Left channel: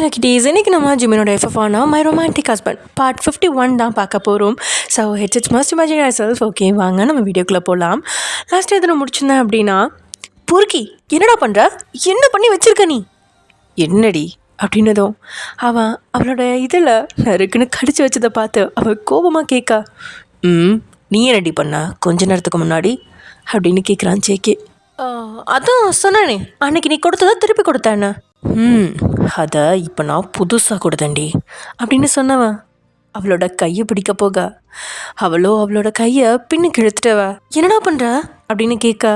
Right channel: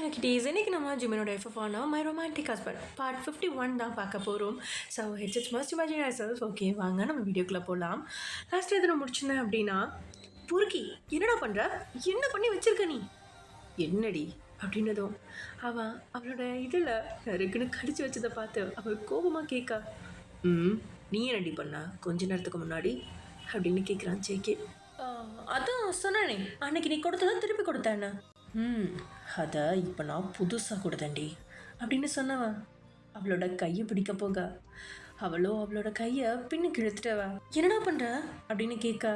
Hello kitties, இன்றைக்கி நம்ம ஜிமினோட எஃப்எஃபானா my romantic husband part 51 தான் பார்க்க போகிறோம். So it's must imagine your self. Okay, வாங்க நம்ம வீடியோக்குள்ளே போகலாம். லாஸ்ட் எதில் முடிச்சிருந்தேன் அப்படின்னா, பொறுக்கி என்னடா பண்ணுற, என்ன பண்ணி வச்சிருக்க நீ, என்னடி அப்படின்னதும் அவளோட இதில் நறுக்குன்னு கடிச்சு வச்சதை பார்த்து அவள் கோபமாக கேட்க, நீ என்னடி பண்ண கொஞ்ச நேரத்துக்கு முன்னாடி அப்படின்னு கேட்குறான் ஜேகே. அதான் சொன்னானே, அன்னைக்கு நீ கொடுத்ததா திருப்பி கொடுத்தேன்னு. அதை இப்போ நான் புதுசாக கொடுத்தேன்டி அப்படின்னு சொன்னவன் அவளோட கையை பிடிக்க போக அவளோட கையை பின்னுக்கு இழுத்துட்டவ. என்னடா பண்ணுற அப்படின்னு கேட்க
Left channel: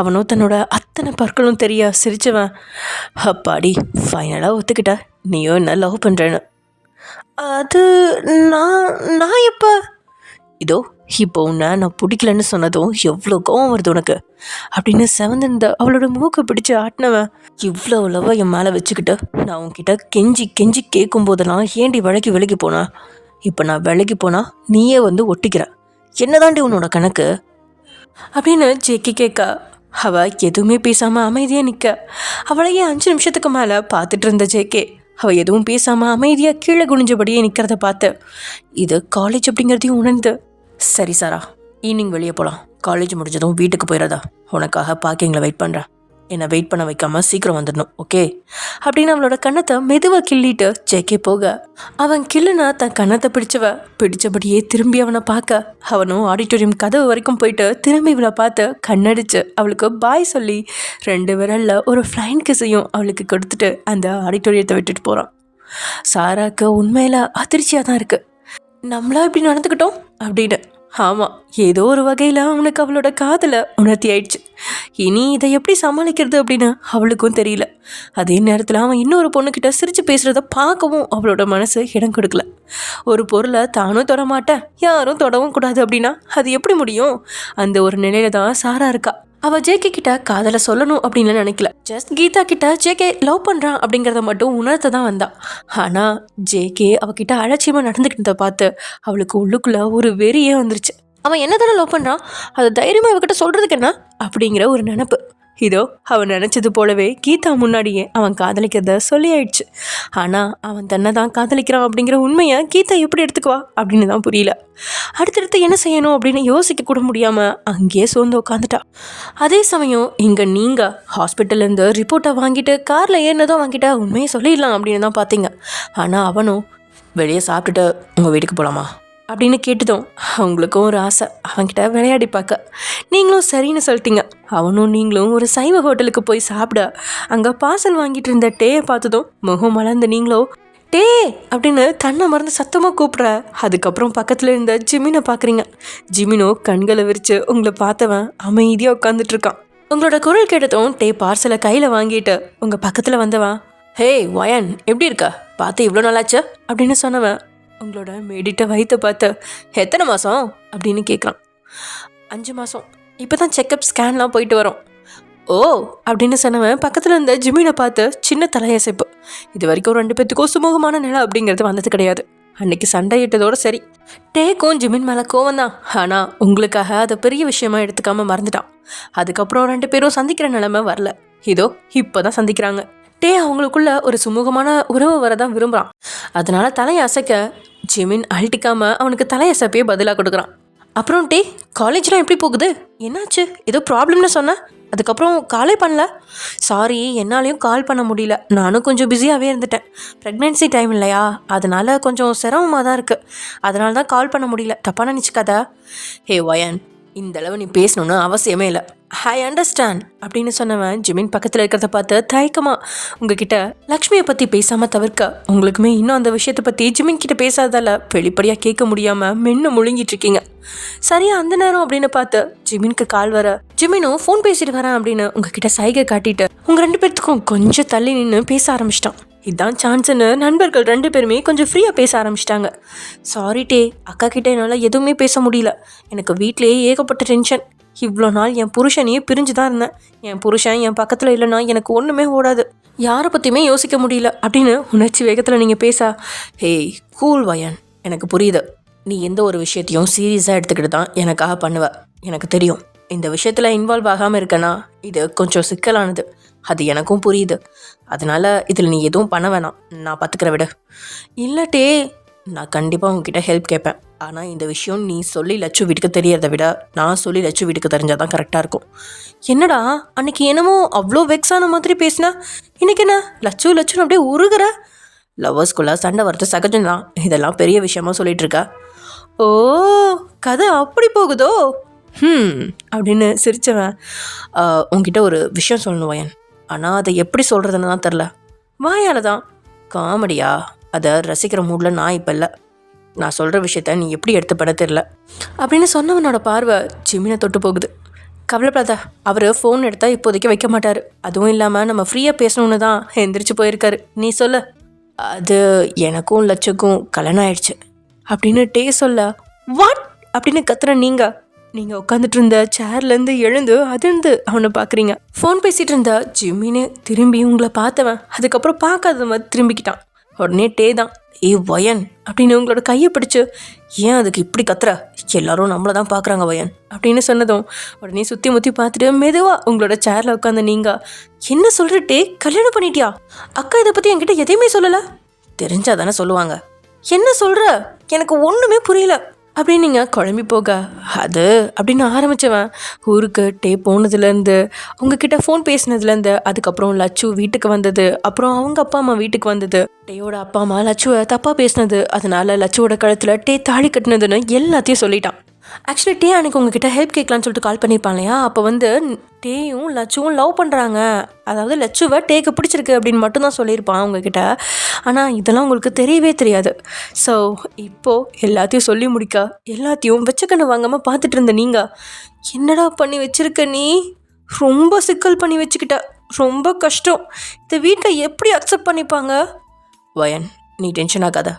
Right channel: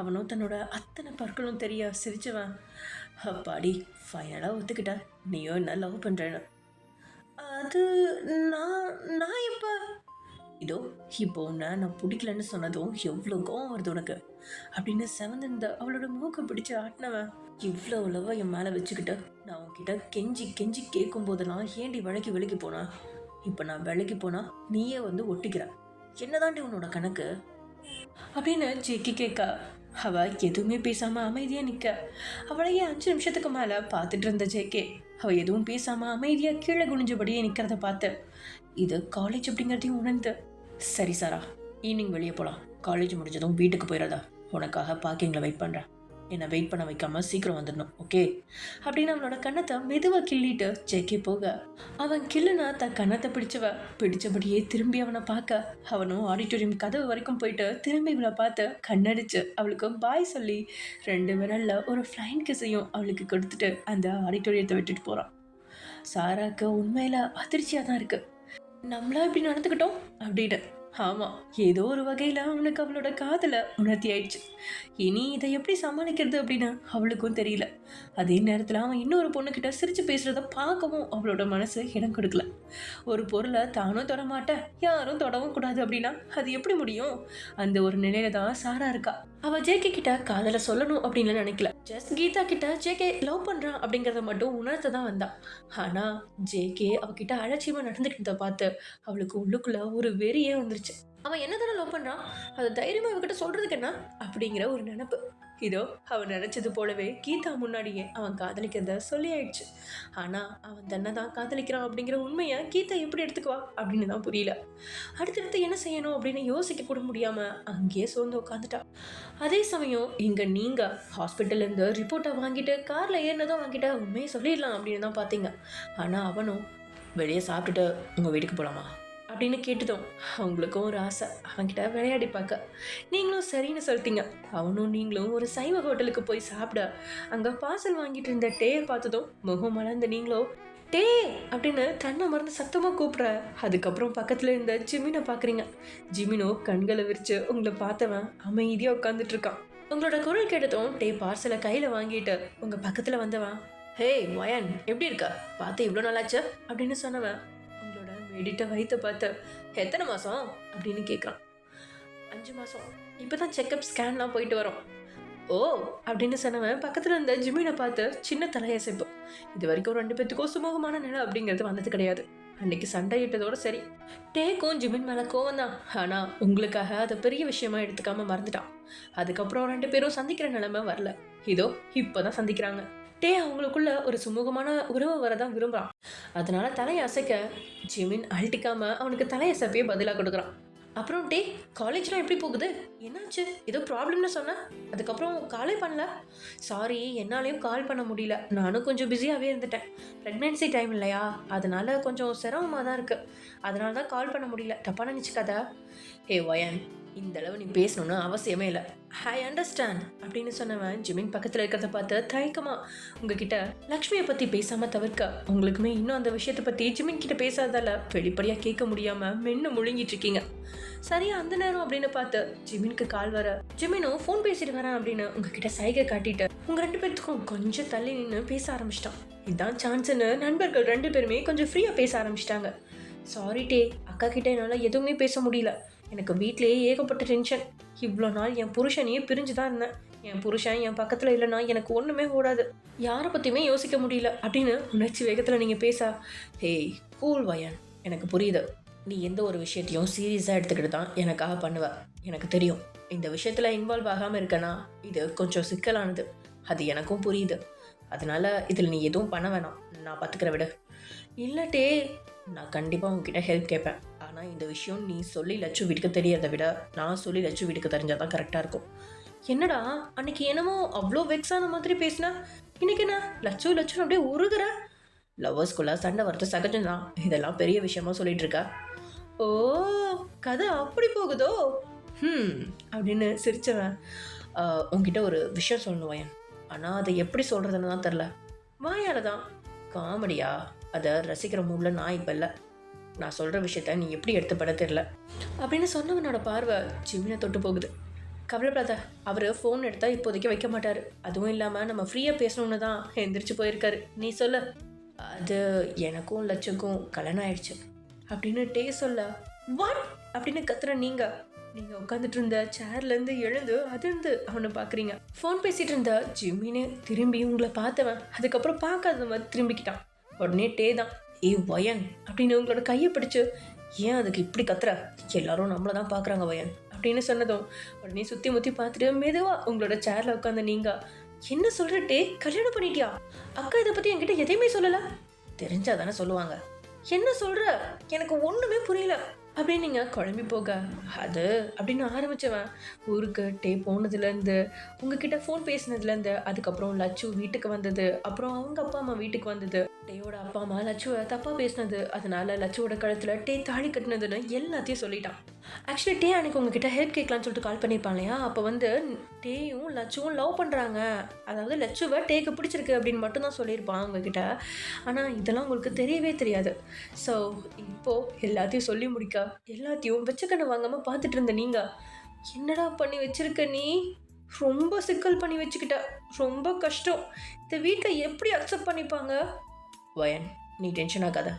அவனோ தன்னோட அத்தனை பற்களும் தெரிய சிரிச்சவன், அப்பாடி ஃபைனலாக ஒத்துக்கிட்ட, நீயோ என்ன லவ் பண்ணுறேன்னு. அது நான் எப்போ இதோ இப்போ உன்னை நான் பிடிக்கலன்னு சொன்னதும் எவ்வளோ கோவம் வருது உனக்கு அப்படின்னு செவந்திருந்த அவளோட மூக்கை பிடிச்சி ஆட்டினவன், இவ்வளோ அளவா என் மேலே வச்சுக்கிட்டு நான் உன்கிட்ட கெஞ்சி கெஞ்சி கேட்கும் போதெல்லாம் ஏண்டி விலகி போனா, இப்போ நான் விலகி போனா நீயே வந்து ஒட்டிக்கிற, என்னதாண்டி உன்னோட கணக்கு அப்படின்னு ஜேக்கி கேட்க அவள் எதுவுமே பேசாமல் அமைதியாக நிற்க அவளையே 5 நிமிஷத்துக்கு மேலே பார்த்துட்டு இருந்த ஜேகே அவள் எதுவும் பேசாமல் அமைதியாக கீழே குனிஞ்சபடியே நிற்கிறத பார்த்து இது காலேஜ் அப்படிங்கிறதையும் உணர்ந்து, சரி சாரா, ஈவினிங் வெளியே போகலாம், காலேஜ் முடிஞ்சதும் வீட்டுக்கு போயிடாதா, உனக்காக பார்க்கிங்கில் வெயிட் பண்ணுறேன், என்னை வெயிட் பண்ண வைக்காமல் சீக்கிரம் வந்துடணும், ஓகே அப்படின்னு அவளோட கன்னத்தை மெதுவாக கிள்ளிட்டு ஜேகே போக அவன் கிள்ளுனா தன் கன்னத்தை பிடிச்சபடியே திரும்பி அவனை பார்க்க அவனும் ஆடிட்டோரியம் கதவு வரைக்கும் போயிட்டு திரும்பி இவளை பார்த்து கண்ணடிச்சு அவளுக்கு பாய் சொல்லி 2 விரலில் ஒரு ஃப்ளைன் கிஸையும் அவளுக்கு கொடுத்துட்டு அந்த ஆடிட்டோரியத்தை விட்டுட்டு போகிறான். சாராக்கு உண்மையில் அதிர்ச்சியாக தான் இருக்குது, நம்மளா இப்படி நடந்துக்கிட்டோம் அப்படின்னு. ஆமாம், ஏதோ ஒரு வகையில் அவனுக்கு அவளோட காதலை உணர்த்தி ஆயிடுச்சு. இனி இதை எப்படி சமாளிக்கிறது அப்படின்னு அவளுக்கும் தெரியல. அதே நேரத்தில் அவன் இன்னொரு பொண்ணுக்கிட்ட சிரித்து பேசுகிறத பார்க்கவும் அவளோட மனசு இடம் கொடுக்கல. ஒரு பொருளை தானும் தொடமாட்டேன், யாரும் தொடவும் கூடாது அப்படின்னா அது எப்படி முடியும்? அந்த ஒரு நிலையில தான் சாரா இருக்கா. அவள் ஜேகே கிட்ட காதலை சொல்லணும் அப்படின்னு நினைக்கல, ஜஸ்ட் கீதா கிட்ட ஜேகே லவ் பண்ணுறான் அப்படிங்கிறத மட்டும் உணர்த்த தான் வந்தா. ஆனால் ஜேகே அவகிட்ட அலட்சியமாக நடந்துக்கிட்டதை பார்த்து அவளுக்கு உள்ளுக்குள்ள ஒரு வெறியே வந்துருச்சு. அவன் என்ன தானே லவ் பண்ணுறான், அதை தைரியமாக அவகிட்ட சொல்கிறதுக்கு என்ன அப்படிங்கிற ஒரு நினப்பு. இதோ அவன் நினச்சது போலவே கீதா முன்னாடியே அவன் காதலிக்கிறத சொல்லி ஆயிடுச்சு. ஆனால் அவன் தன்னை தான் காதலிக்கிறான் அப்படிங்கிற உண்மையை கீதா எப்படி எடுத்துக்குவா அப்படின்னு தான் புரியல. அடுத்தடுத்து என்ன செய்யணும் அப்படின்னு யோசிக்க கூட முடியாமல் அங்கேயே சோர்ந்து உட்காந்துட்டா. அதே சமயம் இங்கே நீங்கள் ஹாஸ்பிட்டல்லேருந்து ரிப்போர்ட்டை வாங்கிட்டு காரில் ஏறினதும் வாங்கிட்ட உண்மையை சொல்லிடலாம் அப்படின்னு தான் பார்த்தீங்க. ஆனால் அவனும் வெளியே சாப்பிட்டுட்டு உங்கள் வீட்டுக்கு போகலாமா அப்படின்னு கேட்டதும் அவங்களுக்கும் ஒரு ஆசை அவன்கிட்ட விளையாடி பார்க்க. நீங்களும் சரின்னு சொல்லிட்டீங்க. அவனும் நீங்களும் ஒரு சைவ ஹோட்டலுக்கு போய் சாப்பிட அங்கே பார்சல் வாங்கிட்டு இருந்த டேயை பார்த்ததும் முகம் மலர்ந்து நீங்களோ டே அப்படின்னு தன்னை மறந்து சத்தமாக கூப்பிட்ற. அதுக்கப்புறம் பக்கத்தில் இருந்த ஜிமினை பார்க்குறீங்க. ஜிமினோ கண்களை விரித்து உங்களை பார்த்தவன் அமைதியாக உட்காந்துட்ருக்கான். உங்களோட குரல் கேட்டதும் டே பார்சலை கையில் வாங்கிட்டு உங்கள் பக்கத்தில் வந்தவன், ஹே வயன் எப்படி இருக்க, பார்த்து இவ்வளோ நாளாச்சு அப்படின்னு சொன்னவன் உங்களோட மேடிட்ட வயிற்றை பார்த்து எத்தனை மாதம் அப்படின்னு கேட்குறான். 5 மாதம், இப்போ தான் செக்கப் ஸ்கேன்லாம் போயிட்டு வரோம். ஓ அப்படின்னு சொன்னவன் பக்கத்தில் இருந்த ஜிமினை பார்த்து சின்ன தலையசைப்பு. இது வரைக்கும் 2 பேத்துக்கும் சுமூகமான நிலை அப்படிங்கிறது வந்தது கிடையாது. அன்னைக்கு சண்டை இட்டதோடு சரி. டேக்கும் ஜிமின் மேலே கோவம் தான், ஆனால் உங்களுக்காக அதை பெரிய விஷயமா எடுத்துக்காமல் மறந்துட்டான். அதுக்கப்புறம் 2 பேரும் சந்திக்கிற நிலைமை வரல. இதோ இப்போ தான் சந்திக்கிறாங்க. டே அவங்களுக்குள்ள ஒரு சுமூகமான உறவு வரதான் விரும்புகிறான். அதனால தலையை அசைக்க ஜிமின் அழட்டிக்காம அவனுக்கு தலையசைப்பே பதிலாக கொடுக்குறான். அப்புறம் டே காலேஜ்லாம் எப்படி போகுது, என்னாச்சு, ஏதோ ப்ராப்ளம்னு சொன்னேன், அதுக்கப்புறம் காலே பண்ணல. சாரி, என்னாலையும் கால் பண்ண முடியல, நானும் கொஞ்சம் பிஸியாகவே இருந்துட்டேன். ப்ரெக்னென்சி டைம் இல்லையா, அதனால கொஞ்சம் சிரமமாக தான் இருக்குது, அதனால தான் கால் பண்ண முடியல, தப்பாக நினச்சிக்காதா. ஹே வயன், இந்த அளவு நீ பேசணுன்னு அவசியமே இல்லை, ஐ அண்டர்ஸ்டாண்ட் அப்படின்னு சொன்னவன் ஜிமின் பக்கத்தில் இருக்கிறத பார்த்து தயக்கமாக உங்ககிட்ட லக்ஷ்மியை பற்றி பேசாமல் தவிர்க்க உங்களுக்குமே இன்னும் அந்த விஷயத்தை பற்றி ஜிமின் கிட்ட பேசாதால வெளிப்படையாக கேட்க முடியாமல் மென்னு முழுங்கிட்டு இருக்கீங்க. சரியா அந்த நேரம் அப்படின்னு பார்த்து ஜிமினுக்கு கால் வர ஜிமினும் ஃபோன் பேசிட்டு வரேன் அப்படின்னு உங்ககிட்ட சைகை காட்டிட்டு உங்கள் 2 பேர்த்துக்கும் கொஞ்சம் தள்ளி நின்று பேச ஆரம்பிச்சிட்டான். இதுதான் சான்ஸ்ன்னு நண்பர்கள் 2 பேருமே கொஞ்சம் ஃப்ரீயாக பேச ஆரம்பிச்சிட்டாங்க. சாரி டே, அக்கா கிட்டே என்னால் எதுவுமே பேச முடியல, எனக்கு வீட்டிலேயே ஏகப்பட்ட டென்ஷன், இவ்வளோ நாள் என் புருஷனையே பிரிஞ்சு தான் இருந்தேன், என் புருஷன் என் பக்கத்தில் இல்லைன்னா எனக்கு ஒன்றுமே ஓடாது, யாரை பற்றியுமே யோசிக்க முடியல அப்படின்னு உணர்ச்சி வேகத்தில் நீங்கள் பேச. ஹேய் கூல் வயன், எனக்கு புரியுது, நீ எந்த ஒரு விஷயத்தையும் சீரியஸாக எடுத்துக்கிட்டு தான் எனக்காக பண்ணுவ, எனக்கு தெரியும். இந்த விஷயத்தில் இன்வால்வ் ஆகாமல் இருக்கேன்னா இது கொஞ்சம் சிக்கலானது, அது எனக்கும் புரியுது. அதனால் இதில் நீ எதுவும் பண்ண வேணாம், நான் பார்த்துக்கிற விட. இல்லாட்டே நான் கண்டிப்பாக உங்ககிட்ட ஹெல்ப் கேட்பேன். ஆனால் இந்த விஷயம் நீ சொல்லி லட்சு வீட்டுக்கு தெரியறதை விட நான் சொல்லி லட்சு வீட்டுக்கு தெரிஞ்சால் தான் கரெக்டாக இருக்கும். என்னடா அன்னைக்கு என்னமோ அவ்வளோ வெக்ஸான மாதிரி பேசினா, இன்னைக்கு என்ன லட்சுன்னு அப்படியே உருகிற? லவ்வர்ஸ்குள்ளே சண்டை வரது சகஜம்தான், இதெல்லாம் பெரிய விஷயமா சொல்லிட்டு இருக்கா? ஓ, கதை அப்படி போகுதோ? அப்படின்னு சிரிச்சவன், உங்ககிட்ட ஒரு விஷயம் சொல்லணும் வயன், ஆனால் அதை எப்படி சொல்கிறதுன்னு தான் தெரில. வாயால் தான். காமெடியா? அதை ரசிக்கிற மூடில் நான் இப்போ இல்லை. நான் சொல்கிற விஷயத்த நீ எப்படி எடுத்துப்பட தெரில அப்படின்னு சொன்னவனோட பார்வை ஜிமினை தொட்டு போகுது. கவலைப்படாத, அவர் ஃபோன் எடுத்தால் இப்போதைக்கு வைக்க மாட்டார். அதுவும் இல்லாமல் நம்ம ஃப்ரீயாக பேசணுன்னு தான் எந்திரிச்சு போயிருக்காரு. நீ சொல்லு. அது எனக்கும் லட்சுக்கும் கல்யாணம் ஆயிடுச்சு அப்படின்னு டே சொல்ல, வாட் அப்படின்னு கத்துற நீங்கள் உட்காந்துட்டு இருந்த சேர்லேருந்து எழுந்து அதிர்ந்து அவனை பார்க்குறீங்க. ஃபோன் பேசிகிட்டு இருந்த ஜிம்மின்னு திரும்பி உங்களை பார்த்தவன் அதுக்கப்புறம் பார்க்காத மாதிரி திரும்பிக்கிட்டான். உடனே டே தான், ஏ வயன் அப்படின்னு உங்களோட கையை பிடிச்சு, ஏன் அதுக்கு இப்படி கத்துற, எல்லாரும் நம்மளை தான் பார்க்குறாங்க வயன் அப்படின்னு சொன்னதும் உடனே சுற்றி முற்றி பார்த்துட்டு மெதுவாக உங்களோட சேரில் உட்காந்து நீங்கள், என்ன சொல்கிற டே, கல்யாணம் பண்ணிட்டியா? அக்கா இதை பற்றி என்கிட்ட எதையுமே சொல்லலை. தெரிஞ்சா தானே சொல்லுவாங்க. என்ன சொல்கிற, எனக்கு ஒன்றுமே புரியல அப்படின்னு நீங்கள் குழம்பி போக, அது அப்படின்னு ஆரம்பித்தவன் ஊருக்கு டே போனதுலேருந்து, உங்ககிட்ட ஃபோன் பேசினதுலேருந்து, அதுக்கப்புறம் லட்சு வீட்டுக்கு வந்தது, அப்புறம் அவங்க அப்பா அம்மா வீட்டுக்கு வந்தது, டேயோட அப்பா அம்மா லட்சுவை தப்பாக பேசினது, அதனால லட்சுவோட கழுத்தில் டே தாலி கட்டினதுன்னு எல்லாத்தையும் சொல்லிட்டான். ஆக்சுவலி டே அன்றைக்கி உங்ககிட்ட ஹெல்ப் கேட்கலான்னு சொல்லிட்டு கால் பண்ணியிருப்பான் இல்லையா? அப்போ டேயும் லட்சுவும் லவ் பண்ணுறாங்க, அதாவது லட்சுவை டேக்கு பிடிச்சிருக்கு அப்படின்னு மட்டும்தான் சொல்லியிருப்பான் உங்ககிட்ட. ஆனால் இதெல்லாம் உங்களுக்கு தெரியவே தெரியாது. ஸோ இப்போது எல்லாத்தையும் சொல்லி முடிக்க, எல்லாத்தையும் வச்சக்கண்ணு வாங்காமல் பார்த்துட்டு இருந்த நீங்கள், என்னடா பண்ணி வச்சிருக்க நீ? ரொம்ப சிக்கல் பண்ணி வச்சுக்கிட்ட, ரொம்ப கஷ்டம். இந்த வீட்டில் எப்படி அக்செப்ட் பண்ணிப்பாங்க? வயன், நீ டென்ஷன் ஆகாத.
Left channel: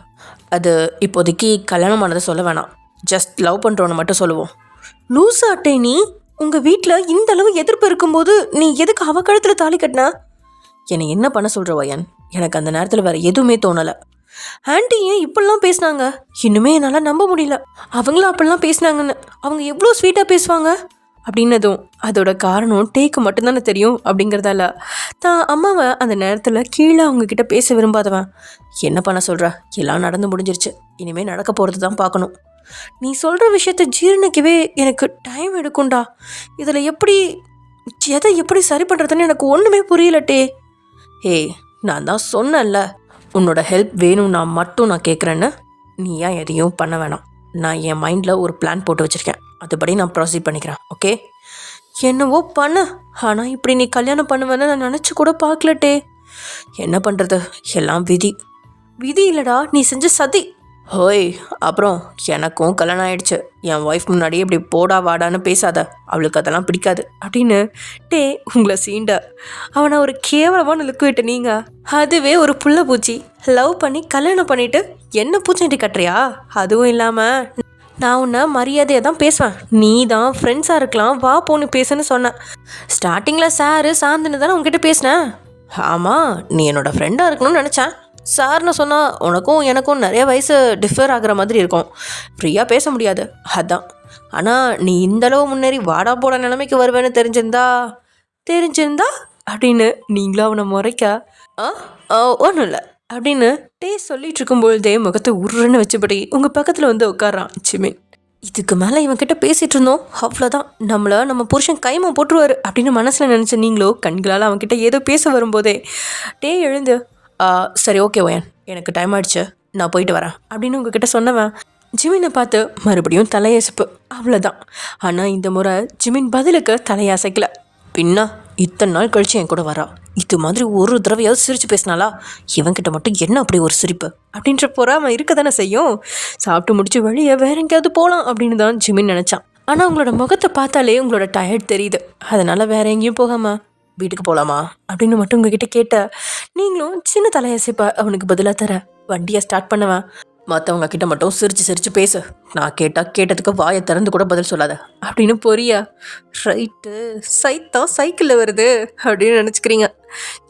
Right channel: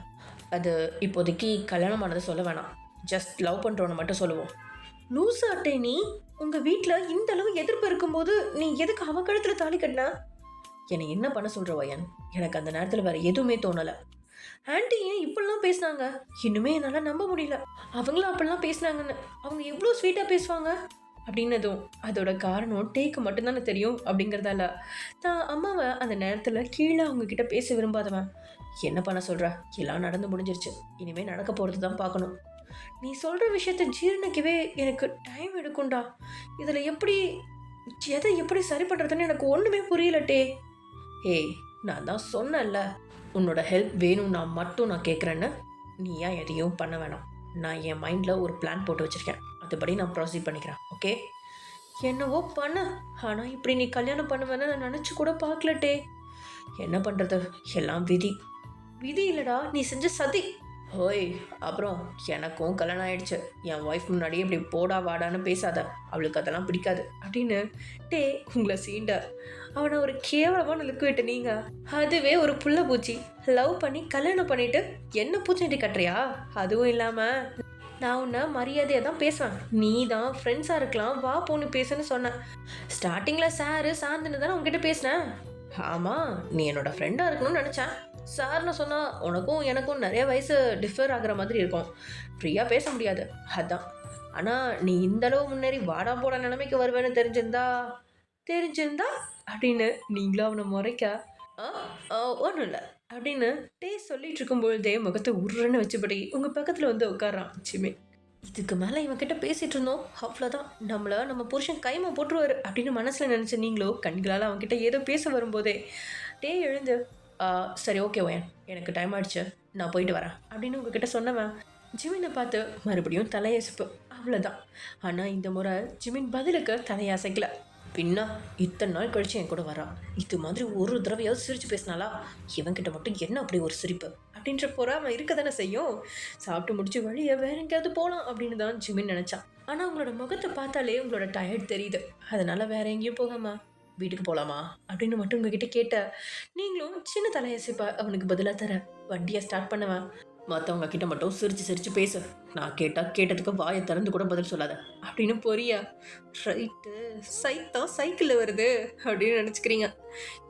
அது இப்போதைக்கு கல்யாணம் ஆனதை சொல்ல வேணாம், ஜஸ்ட் லவ் பண்ணுறோன்னு மட்டும் சொல்லுவோம். லூசா அட்டை, நீ உங்கள் வீட்டில் இந்த அளவு எதிர்ப்பு இருக்கும்போது நீ எதுக்கு அவ கழுத்தில் தாலி கட்டின? என்னை என்ன பண்ண சொல்கிற வயன்? எனக்கு அந்த நேரத்தில் வேறு எதுவுமே தோணலை. ஆண்டி ஏன் இப்படிலாம் பேசினாங்க? இன்னுமே என்னால் நம்ப முடியல. அவங்களும் அப்படிலாம் பேசினாங்கன்னு. அவங்க எவ்வளோ ஸ்வீட்டாக பேசுவாங்க அப்படின்னதும் அதோட காரணம் டேக்கு மட்டும்தானே தெரியும் அப்படிங்கிறதால தான் அம்மாவை அந்த நேரத்தில் கீழே அவங்கக்கிட்ட பேச விரும்பாதவன், என்ன பண்ண சொல்கிற, எல்லாம் நடந்து முடிஞ்சிருச்சு, இனிமேல் நடக்க போகிறது தான் பார்க்கணும். நீ சொல்கிற விஷயத்த ஜீரணிக்கவே எனக்கு டைம் எடுக்கும்டா. இதில் எதை எப்படி சரி பண்ணுறதுன்னு எனக்கு ஒன்றுமே புரியலட்டே. ஏய், நான் தான் சொன்னேன்ல, உன்னோட ஹெல்ப் வேணும்னா மட்டும் நான் கேட்குறேன்னு. நீ ஏன் எதையும் பண்ண வேணாம். நான் என் மைண்டில் ஒரு பிளான் போட்டு வச்சுருக்கேன், அதுபடி நான் ப்ரொசீட் பண்ணிக்கிறேன். ஓகே? என்னவோ பண்ண, ஆனால் இப்படி நீ கல்யாணம் பண்ணுவேன்னு நான் நினச்சி கூட பார்க்கலட்டே. என்ன பண்ணுறது, எல்லாம் விதி. விதி இல்லைடா, நீ செஞ்ச சதி. ஹோய், அப்புறம் எனக்கும் கல்யாணம் ஆயிடுச்சு. என் ஒய்ஃப் முன்னாடியே இப்படி போடா வாடான்னு பேசாத, அவளுக்கு அதெல்லாம் பிடிக்காது அப்படின்னு டே உங்களை சீண்ட. அவனை ஒரு கேவலமான லுக்கு விட்டு நீங்கள், அதுவே ஒரு புள்ள பூச்சி லவ் பண்ணி கல்யாணம் பண்ணிவிட்டு என்ன பூச்செண்டி கட்டுறியா? அதுவும் இல்லாமல் நான் உன்னை மரியாதையாக தான் பேசுவேன், நீ தான் ஃப்ரெண்ட்ஸாக இருக்கலாம், வா போன்னு பேசுன்னு சொன்னேன். ஸ்டார்டிங்கில் சாரு சாந்துன்னு தானே உங்ககிட்ட பேசினேன். ஆமாம், நீ என்னோடய ஃப்ரெண்டாக இருக்கணும்னு நினச்சேன். சார்னு சொன்னால் உனக்கும் எனக்கும் நிறைய வயசு டிஃபர் ஆகிற மாதிரி இருக்கும், ஃப்ரீயாக பேச முடியாது, அதான். ஆனால் நீ இந்தளவு முன்னேறி வாடா போட நிலைமைக்கு வருவேன்னு தெரிஞ்சிருந்தா அப்படின்னு நீங்களும் அவனை முறைக்க, ஒன்றும் இல்லை அப்படின்னு டே சொல்லிட்டு இருக்கும்பொழுதே முகத்தை உருன்னு வச்சுபடி உங்கள் பக்கத்தில் வந்து உட்காரான் ஜிமின். இதுக்கு மேலே இவன்கிட்ட பேசிகிட்டு இருந்தோம், அவ்வளோதான், நம்ம புருஷன் கைமா போட்டுருவார் அப்படின்னு மனசில் நினச்ச நீங்களோ கண்களால் அவன்கிட்ட ஏதோ பேச வரும்போதே டே எழுந்து, சரி ஓகே வயன், எனக்கு டைம் ஆகிடுச்சு, நான் போயிட்டு வரேன் அப்படின்னு உங்ககிட்ட சொன்னவன் ஜிமினை பார்த்து மறுபடியும் தலையசைப்பு, அவ்வளோதான். ஆனால் இந்த முறை ஜிமின் பதிலுக்கு தலையசைக்கல. பின்னா இத்தனை நாள் கழிச்சு என் கூட வரா, இது மாதிரி ஒரு தடவையாவது சிரித்து பேசினாலா, இவன்கிட்ட மட்டும் என்ன அப்படி ஒரு சிரிப்பு அப்படின்ற பொறாமல் இருக்க தானே செய்யும். சாப்பிட்டு முடிச்சு வழியை வேற எங்கேயாவது போகலாம் அப்படின்னு தான் ஜிமின் நினச்சான். ஆனால் உங்களோட முகத்தை பார்த்தாலே உங்களோட டயர்ட் தெரியுது, அதனால் வேற எங்கேயும் போகாமா வீட்டுக்கு போகலாமா அப்படின்னு மட்டும் உங்ககிட்ட கேட்ட நீங்களும் சின்ன தலையசைப்பா அவனுக்கு பதிலாக தர வண்டியை ஸ்டார்ட் பண்ணுவேன். மற்றவங்க கிட்ட மட்டும் சிரித்து பேசு, நான் கேட்டதுக்கு வாயை திறந்து கூட பதில் சொல்லாத அப்படின்னு பொரியா. ரைட்டு, சைத்தா சைக்கிளில் வருது அப்படின்னு நினச்சிக்கிறீங்க.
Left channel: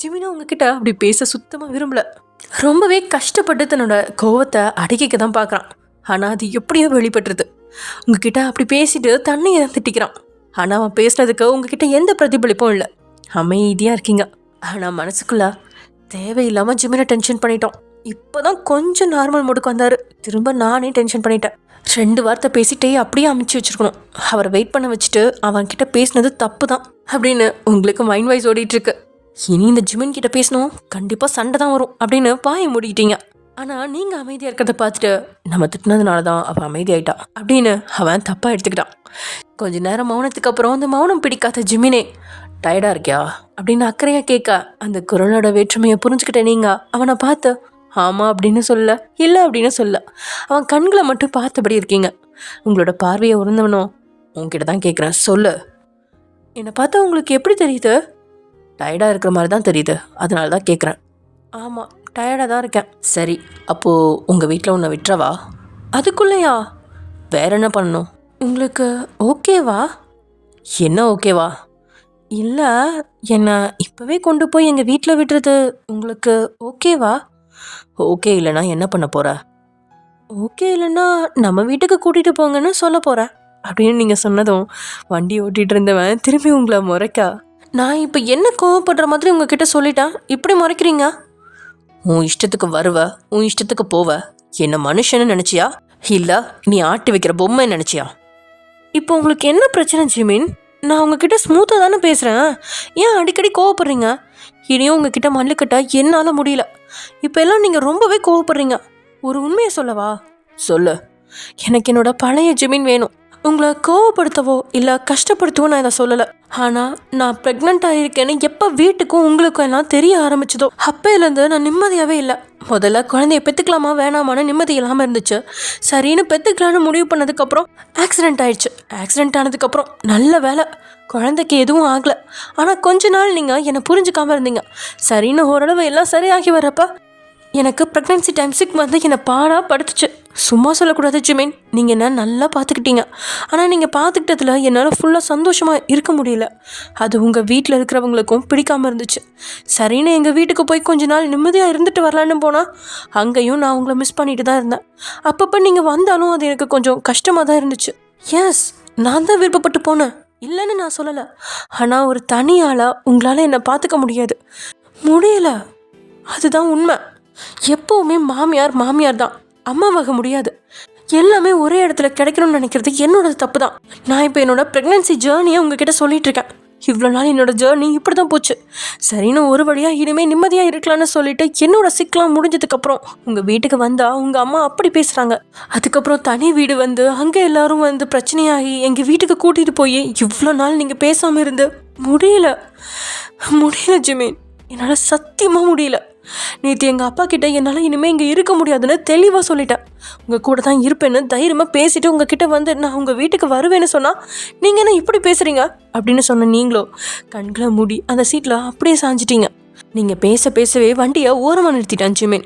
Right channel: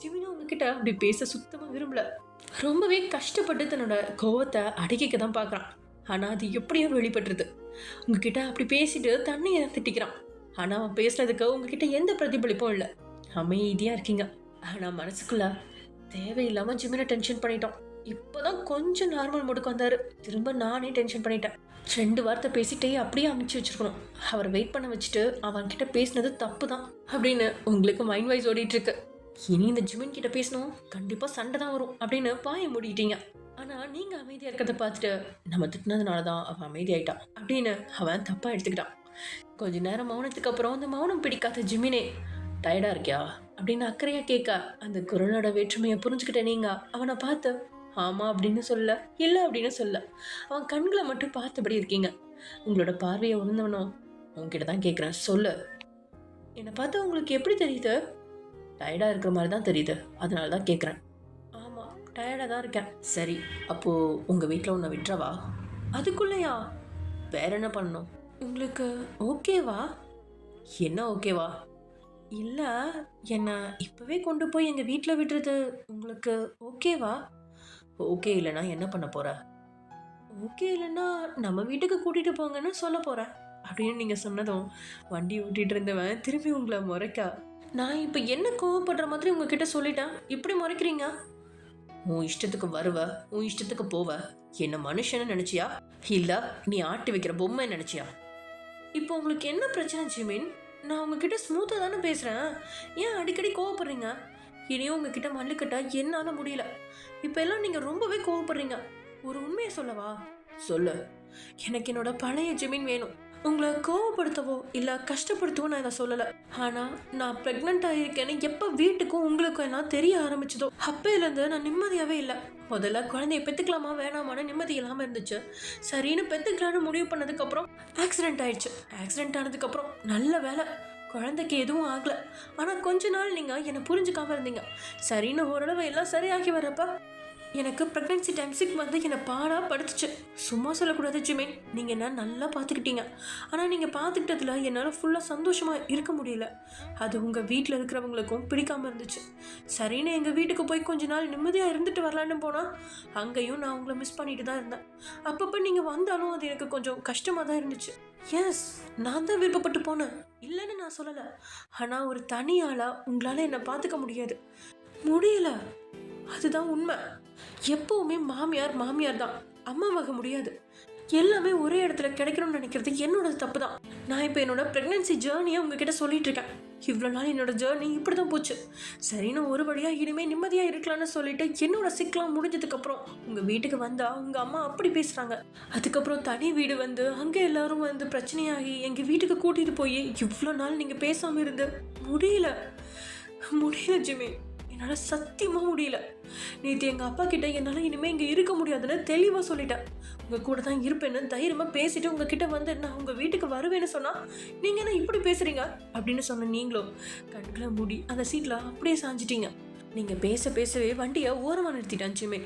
ஜிமினா உங்ககிட்ட அப்படி பேச சுத்தமாக விரும்பல. ரொம்பவே கஷ்டப்பட்டு தன்னோட கோவத்தை அடக்கிக்க தான் பார்க்குறான். ஆனால் அது எப்படியோ வெளிப்பட்டுருது. உங்ககிட்ட அப்படி பேசிட்டு தன்னையை தான் திட்டிக்கிறான். ஆனால் அவன் பேசுனதுக்கு உங்ககிட்ட எந்த பிரதிபலிப்பும் இல்லை, அமைதியாக இருக்கீங்க. ஆனால் மனசுக்குள்ள தேவையில்லாமல் ஜிமினை டென்ஷன் பண்ணிட்டோம். இப்போ தான் கொஞ்சம் நார்மல் மூடுக்கு வந்தார். திரும்ப நானே டென்ஷன் பண்ணிட்டேன். 2 வார்த்தை பேசிட்டே அப்படியே அமைச்சு வச்சுருக்கணும். அவரை வெயிட் பண்ண வச்சுட்டு அவன்கிட்ட பேசினது தப்பு தான் அப்படின்னு உங்களுக்கு மைண்ட் வைஸ் ஓடிட்டுருக்கு. இனி இந்த ஜிமின் கிட்ட பேசணும், கண்டிப்பாக சண்டை தான் வரும் அப்படின்னு பாய மூடிக்கிட்டீங்க. ஆனால் நீங்கள் அமைதியாக இருக்கிறத பார்த்துட்டு நம்ம திட்டினதுனால தான் அவன் அமைதியாயிட்டா அப்படின்னு அவன் தப்பாக எடுத்துக்கிட்டான். கொஞ்ச நேரம் மௌனத்துக்கு அப்புறம் அந்த மௌனம் பிடிக்காத ஜிமினே, டயர்டாக இருக்கியா அப்படின்னு அக்கறையாக கேட்க அந்த குரலோட வேற்றுமையை புரிஞ்சுக்கிட்டேன். நீங்கள் அவனை பார்த்து ஆமாம் அப்படின்னு சொல்ல, இல்லை அப்படின்னு சொல்ல, அவன் கண்களை மட்டும் பார்த்தபடி இருக்கீங்க. உங்களோட பார்வையை உணர்ந்தவனும் உங்ககிட்ட தான் கேட்குறேன், சொல்லு. என்னை பார்த்தா உங்களுக்கு எப்படி தெரியுது? டயர்டாக இருக்கிற மாதிரி தான் தெரியுது, அதனால தான் கேட்குறேன். ஆமாம், டயர்டாக தான் இருக்கேன். சரி, அப்போது உங்கள் வீட்டில் உன்னை விட்டுறவா? அதுக்குள்ளேயா? வேற என்ன பண்ணணும்? உங்களுக்கு ஓகேவா? என்ன ஓகேவா? இல்லை, என்னை இப்போவே கொண்டு போய் எங்கள் வீட்டில் விடுறது உங்களுக்கு ஓகேவா? ஓகே இல்லைனா என்ன பண்ண போகிற? ஓகே இல்லைன்னா நம்ம வீட்டுக்கு கூட்டிகிட்டு போங்கன்னு சொல்ல போகிறேன் அப்படின்னு நீங்கள் சொன்னதும் வண்டி ஓட்டிகிட்டு இருந்தவன் திரும்பி உங்களை முறைக்க, நான் இப்போ என்ன கோவப்படுற மாதிரி உங்ககிட்ட சொல்லிட்டேன், இப்படி முறைக்கிறீங்க? உன் இஷ்டத்துக்கு வருவ, உன் இஷ்டத்துக்கு போவ. என்ன மனுஷன்னு நினச்சியா இல்லை நீ ஆட்டி வைக்கிற பொம்மை நினச்சியா? இப்போ உங்களுக்கு என்ன பிரச்சனை ஜிமின்? நான் உங்ககிட்ட ஸ்மூத்தாக தானே பேசுகிறேன், ஏன் அடிக்கடி கோவப்படுறீங்க? இனியும் உங்ககிட்ட மல்லுக்கட்ட என்னால் முடியல. இப்போ எல்லாம் நீங்கள் ரொம்பவே கோவப்படுறீங்க. ஒரு உண்மையை சொல்லவா? சொல்லு. எனக்கு என்னோட பழைய ஜிமின் வேணும். உங்களை கோவப்படுத்தவோ இல்லை கஷ்டப்படுத்தவோ நான் இதை சொல்லலை. ஆனால் நான் ப்ரெக்னெண்ட்டாக இருக்கேன்னு எப்போ வீட்டுக்கும் உங்களுக்கும் எல்லாம் தெரிய ஆரம்பிச்சதோ அப்போலேருந்து நான் நிம்மதியாகவே இல்லை. முதல்ல குழந்தைய பெற்றுக்கலாமா வேணாமான்னு நிம்மதி இல்லாமல் இருந்துச்சு. சரின்னு பெற்றுக்கலான்னு முடிவு பண்ணதுக்கப்புறம் ஆக்சிடெண்ட் ஆயிடுச்சு. ஆக்சிடெண்ட் ஆனதுக்கப்புறம் நல்ல வேலை, குழந்தைக்கு எதுவும் ஆகலை. ஆனால் கொஞ்ச நாள் நீங்கள் என்னை புரிஞ்சுக்காமல் இருந்தீங்க. சரின்னு ஓரளவு எல்லாம் சரியாகி வரப்போ எனக்கு ப்ரெக்னென்சி டைம் சிக் வந்து என்னை பாடாக படுத்துச்சு. சும்மா சொல்லக்கூடாது ஜிமின், நீங்கள் என்ன நல்லா பார்த்துக்கிட்டீங்க. ஆனால் நீங்கள் பார்த்துக்கிட்டதில் என்னால் ஃபுல்லாக சந்தோஷமாக இருக்க முடியல. அது உங்கள் வீட்டில் இருக்கிறவங்களுக்கும் பிடிக்காமல் இருந்துச்சு. சரின்னு எங்கள் வீட்டுக்கு போய் கொஞ்ச நாள் நிம்மதியாக இருந்துட்டு வரலான்னு போனால் அங்கேயும் நான் உங்களை மிஸ் பண்ணிட்டு தான் இருந்தேன். அப்பப்போ நீங்கள் வந்தாலும் அது எனக்கு கொஞ்சம் கஷ்டமாக தான் இருந்துச்சு. எஸ், நான் தான் விருப்பப்பட்டு போனேன், இல்லைன்னு நான் சொல்லலை. ஆனால் ஒரு தனியால் உங்களால் என்னை பார்த்துக்க முடியல. அதுதான் உண்மை. எப்போவுமே மாமியார் தான், அம்மாவாக முடியாது. எல்லாமே ஒரே இடத்துல கிடைக்கணும்னு நினைக்கிறது என்னோட தப்பு தான். நான் இப்போ என்னோட ப்ரெக்னென்சி ஜேர்னியை உங்ககிட்ட சொல்லிட்டு இருக்கேன். இவ்வளோ நாள் என்னோட ஜேர்னி இப்படி தான் போச்சு. சரின்னு ஒரு வழியாக இனிமேல் நிம்மதியாக இருக்கலான்னு சொல்லிட்டு என்னோட சிக்கலாம் முடிஞ்சதுக்கப்புறம் உங்கள் வீட்டுக்கு வந்தால் உங்கள் அம்மா அப்படி பேசுகிறாங்க. அதுக்கப்புறம் தனி வீடு வந்து அங்கே எல்லாரும் வந்து பிரச்சனையாகி எங்கள் வீட்டுக்கு கூட்டிகிட்டு போய் இவ்வளோ நாள் நீங்கள் பேசாமல் இருந்து முடியல ஜிமின், என்னால் சத்தியமாக முடியல. நேற்று எங்கள் அப்பா கிட்ட என்னால் இனிமேல் இங்கே இருக்க முடியாதுன்னு தெளிவாக சொல்லிட்டேன். உங்கள் கூட தான் இருப்பேன்னு தைரியமாக பேசிட்டு உங்ககிட்ட வந்து நான் உங்கள் வீட்டுக்கு வருவேன்னு சொன்னால் நீங்கள் என்ன இப்படி பேசுகிறீங்க அப்படின்னு சொன்ன நீங்களோ கண்களை மூடி அந்த சீட்டில் அப்படியே சாஞ்சிட்டீங்க. நீங்கள் பேசவே வண்டியை ஓரமாக நிறுத்திட்டான் ஜிமின்.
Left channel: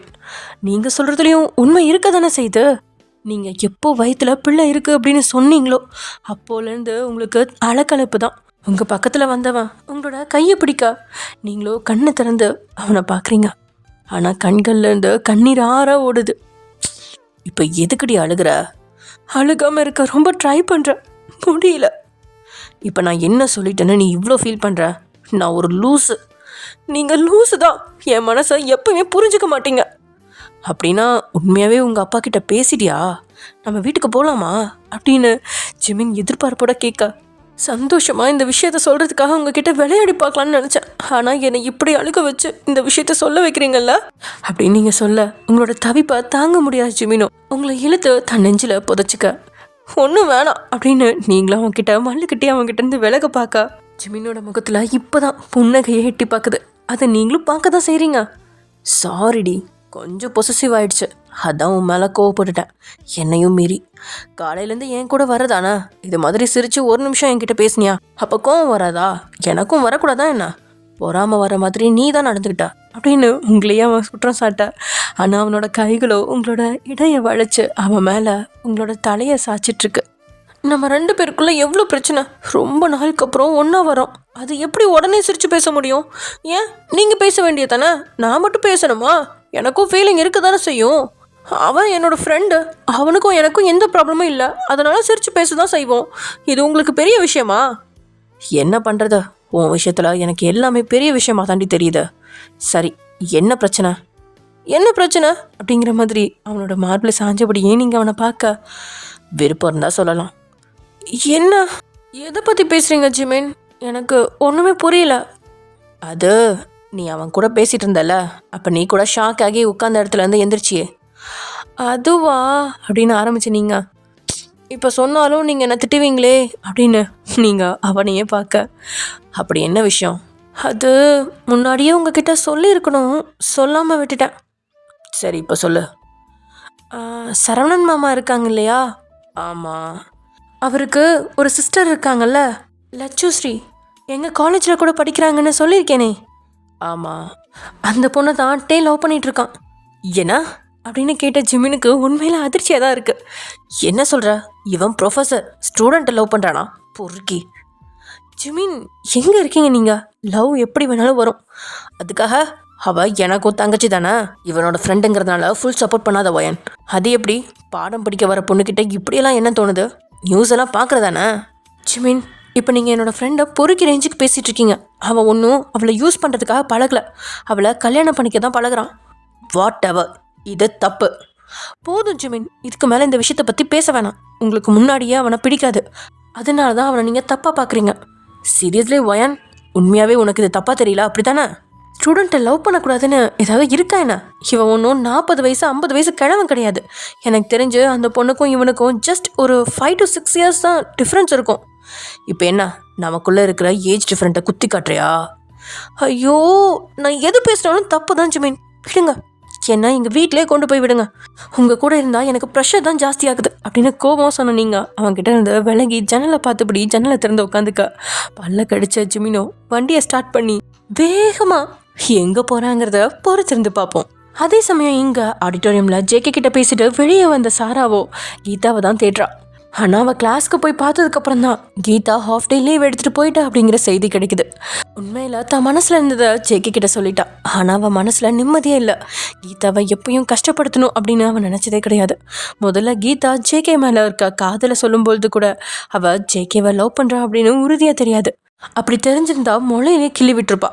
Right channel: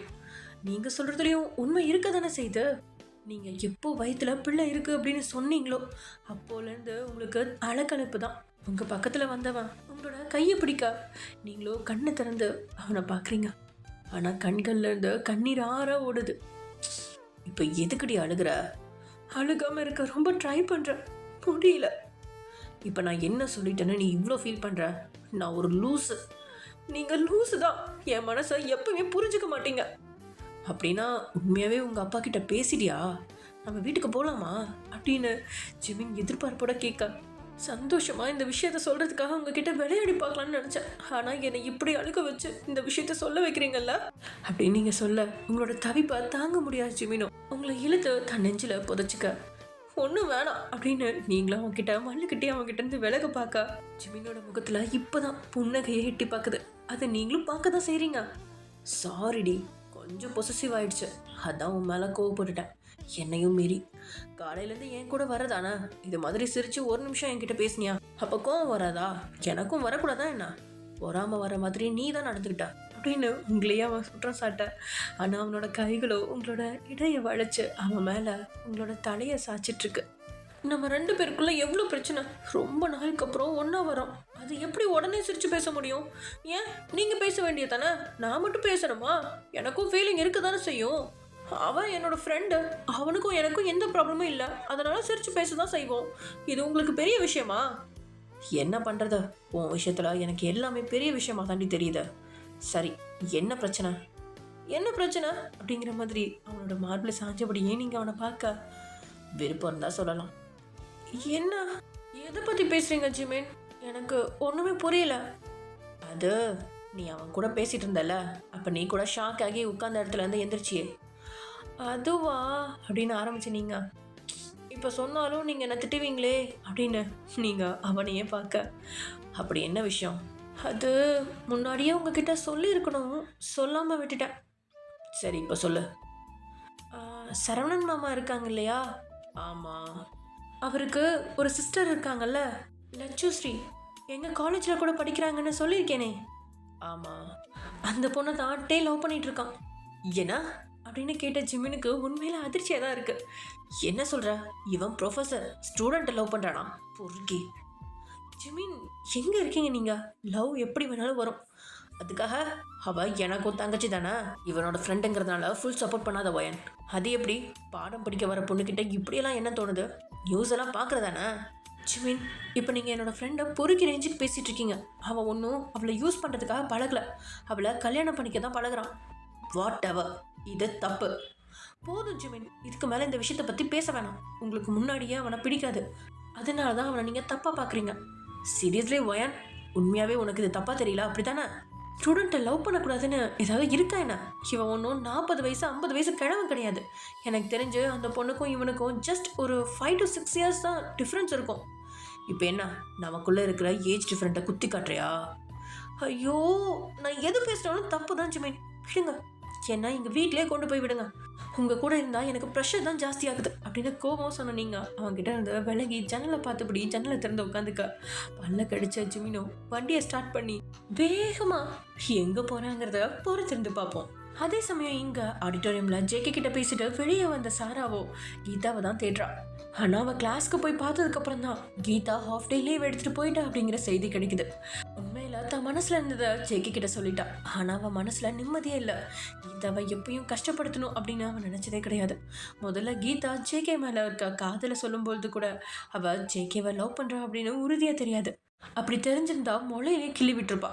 நீங்கள் சொல்கிறதுலையும் உண்மை இருக்க தானே செய்யுது. நீங்கள் எப்போ வயிற்றுல பிள்ளை இருக்குது அப்படின்னு சொன்னீங்களோ அப்போலேருந்து உங்களுக்கு அலக்கலப்பு தான். உங்கள் பக்கத்தில் வந்தவன் உங்களோட கையை பிடிக்க நீங்களோ கண்ணை திறந்து அவனை பார்க்குறீங்க. ஆனால் கண்கள்லேருந்து கண்ணீர் ஓடுது. இப்போ எதுக்கடி அழுகிற? அழுகாமல் இருக்க ரொம்ப ட்ரை பண்ணுற, முடியல. இப்போ நான் என்ன சொல்லிட்டேன்னு நீ இவ்வளோ ஃபீல் பண்ணுற? நான் ஒரு லூஸு. நீங்கள் லூஸு தான். என் மனசை எப்பவுமே புரிஞ்சுக்க மாட்டீங்க. அப்படின்னா உண்மையாகவே உங்கள் அப்பா கிட்ட பேசிட்டியா? நம்ம வீட்டுக்கு போகலாமா அப்படின்னு ஜிமின் எதிர்பார்ப்போட கேட்க சந்தோஷமாக இந்த விஷயத்த சொல்கிறதுக்காக உங்ககிட்ட விளையாடி பார்க்கலான்னு நினச்சேன். ஆனால் என்னை இப்படி அழுக வச்சு இந்த விஷயத்த சொல்ல வைக்கிறீங்கல்ல அப்படின்னு நீங்கள் சொல்ல உங்களோட தவிப்பை தாங்க முடியாது ஜிமினோ. உங்களை இழுத்து தன் நெஞ்சில் புதைச்சிக்க ஒன்றும் வேணாம் அப்படின்னு நீங்களும் அவங்ககிட்ட மல்லுக்கிட்டே அவங்ககிட்ட இருந்து விலக பார்க்க ஜிமினோட முகத்தில் இப்போ தான் புன்னகையை எட்டி பார்க்குது. அதை நீங்களும் பார்க்க தான் செய்கிறீங்க. சாரிடி, கொஞ்சம் பொசசிவ் ஆயிடுச்சு, அதான் உன் மேலே கோவப்பட்டுட்டேன். என்னையும் மீறி காலையிலேருந்து என் கூட வரதானே இது மாதிரி சிரித்து ஒரு நிமிஷம் என்கிட்ட பேசினியா? அப்போ கோவம் வராதா? எனக்கும் வரக்கூடாதா என்ன? பொறாமல் வர மாதிரி நீ தான் நடந்துக்கிட்டா அப்படின்னு உங்களையே அவன் குற்றம் சாட்ட. ஆனால் அவனோட கைகளோ உங்களோட இடையை வளைச்சு அவன் மேலே உங்களோட தலையை சாய்ச்சிட்ருக்கு. நம்ம 2 பேருக்குள்ளே எவ்வளோ பிரச்சனை, ரொம்ப நாளுக்கு அப்புறம் ஒன்றா வரோம். அது எப்படி உடனே சிரித்து பேச முடியும்? ஏன் நீங்கள் பேச வேண்டியது தானே, நான் மட்டும் பேசணுமா? எனக்கும் ஃபீலிங் இருக்க தானே செய்யும். அவன் என்னோட ஃப்ரெண்டு, அவனுக்கும் எனக்கும் எந்த ப்ராப்ளமும் இல்லை, அதனால் சிரித்து பேச தான் செய்வோம். இது உங்களுக்கு பெரிய விஷயமா? என்ன பண்ணுறது, உன் விஷயத்தில் எனக்கு எல்லாமே பெரிய விஷயமா தாண்டி தெரியுது. சரி, என்ன பிரச்சனை என்ன பிரச்சனை அப்படிங்கிற மாதிரி அவனோட மார்பில் சாஞ்சபடி ஏன் நீங்கள் அவனை பார்க்க விருப்பம் இருந்தால் சொல்லலாம். என்ன, எதை பற்றி பேசுகிறீங்க ஜிமின்? எனக்கு ஒன்றுமே புரியல. அது நீ அவன் கூட பேசிகிட்டு இருந்தல, அப்போ நீ கூட ஷாக் ஆகி உட்கார்ந்த இடத்துல இருந்து எந்திரிச்சியே, அதுவா அப்படின்னு ஆரம்பிச்சு நீங்கள் இப்போ சொன்னாலும் நீங்கள் என்ன திட்டுவீங்களே அப்படின்னு நீங்கள் அவனையே பார்க்க. அப்படி என்ன விஷயம்? அது முன்னாடியே உங்ககிட்ட சொல்லியிருக்கணும், சொல்லாமல் விட்டுட்டேன். சரி, இப்போ சொல்லு. சரவணன் மாமா இருக்காங்க இல்லையா? ஆமாம். அவருக்கு ஒரு சிஸ்டர் இருக்காங்கல்ல, லட்சுஸ்ரீ, எங்கள் காலேஜில் கூட படிக்கிறாங்கன்னு சொல்லியிருக்கேனே. ஆமாம், அந்த பொண்ணை தான் லவ் பண்ணிகிட்ருக்கான். ஏன்னா அப்படின்னு கேட்ட ஜிமினுக்கு உண்மையில் அதிர்ச்சியாக தான் இருக்குது. என்ன சொல்கிற? இவன் ப்ரொஃபஸர் ஸ்டூடெண்ட்டை லவ் பண்ணுறானா? பொறுக்கி. ஜிமின், எங்கே இருக்கீங்க நீங்கள்? லவ் எப்படி வேணாலும் வரும், அதுக்காக அவள் எனக்கும் தங்கச்சி தானே, இவனோட ஃப்ரெண்டுங்கிறதுனால ஃபுல் சப்போர்ட் பண்ணாத வயன். அது எப்படி? பாடம் படிக்க வர பொண்ணுக்கிட்ட இப்படியெல்லாம் என்ன தோணுது? நியூஸ் எல்லாம் பார்க்குறதானே? ஜிமின், இப்போ நீங்கள் என்னோடய ஃப்ரெண்டை பொறுக்கி ரேஞ்சுக்கு பேசிகிட்டு இருக்கீங்க. அவன் ஒன்றும் அவளை யூஸ் பண்ணுறதுக்காக பழகலை, அவளை கல்யாணம் பண்ணிக்க தான் பழகிறான். வாட் எவர், இது தப்பு. போதும் ஜிமின், இதுக்கு மேலே இந்த விஷயத்தை பற்றி பேச வேணாம். உங்களுக்கு முன்னாடியே அவனை பிடிக்காது, அதனால தான் அவனை நீங்கள் தப்பாக பார்க்குறீங்க. சீரியஸ்லி வயன், உண்மையாகவே உனக்கு இது தப்பாக தெரியல அப்படி தானே? ஸ்டூடெண்ட்டை லவ் பண்ணக்கூடாதுன்னு ஏதாவது இருக்கா என்ன? இவன் ஒன்றும் 40 வயசு 50 வயசு கிழவன் கிடையாது. எனக்கு தெரிஞ்சு அந்த பொண்ணுக்கும் இவனுக்கும் ஜஸ்ட் ஒரு 5 to 6 years தான் டிஃப்ரென்ஸ் இருக்கும். இப்போ என்ன, நமக்குள்ளே இருக்கிற ஏஜ் டிஃப்ரெண்ட்டை குத்தி காட்டுறியா? ஐயோ, நான் எது பேசுனாலும் தப்பு தான் ஜிமின், விடுங்க. என்ன எங்கள் வீட்டிலே கொண்டு போய் விடுங்க, உங்கள் கூட இருந்தால் எனக்கு ப்ரெஷர் தான் ஜாஸ்தி ஆகுது அப்படின்னு கோபம் சொன்ன நீங்கள் அவன்கிட்ட இருந்து விலகி ஜன்னலை பார்த்துபடி ஜன்னலை திறந்து உட்காந்துக்க. பல்ல கடிச்ச ஜிமினோ வண்டியை ஸ்டார்ட் பண்ணி வேகமாக எங்கே போகிறாங்கிறத பொறுத்திருந்து பார்ப்போம். அதே சமயம் இங்கே ஆடிட்டோரியமில் ஜேகே கிட்ட பேசிட்டு வெளியே வந்த சாராவோ கீதாவை தான் தேடுறா. ஆனால் அவள் கிளாஸ்க்கு போய் பார்த்ததுக்கப்புறம் தான் கீதா ஹாஃப் டே லீவ் எடுத்துகிட்டு போயிட்டா அப்படிங்கிற செய்தி கிடைக்குது. உண்மையில் தான் மனசில் இருந்ததை ஜேகே கிட்ட சொல்லிட்டா. ஆனால் அவள் மனசில் நிம்மதியே இல்லை. கீதாவை எப்பயும் கஷ்டப்படுத்தணும் அப்படின்னு அவன் நினச்சதே கிடையாது. முதல்ல கீதா ஜேகே மேலே இருக்க காதலை சொல்லும்பொழுது கூட அவள் ஜேகேவை லவ் பண்ணுறா அப்படின்னு உறுதியாக தெரியாது. அப்படி தெரிஞ்சிருந்தா மொழையிலே கிள்ளி விட்டுருப்பா.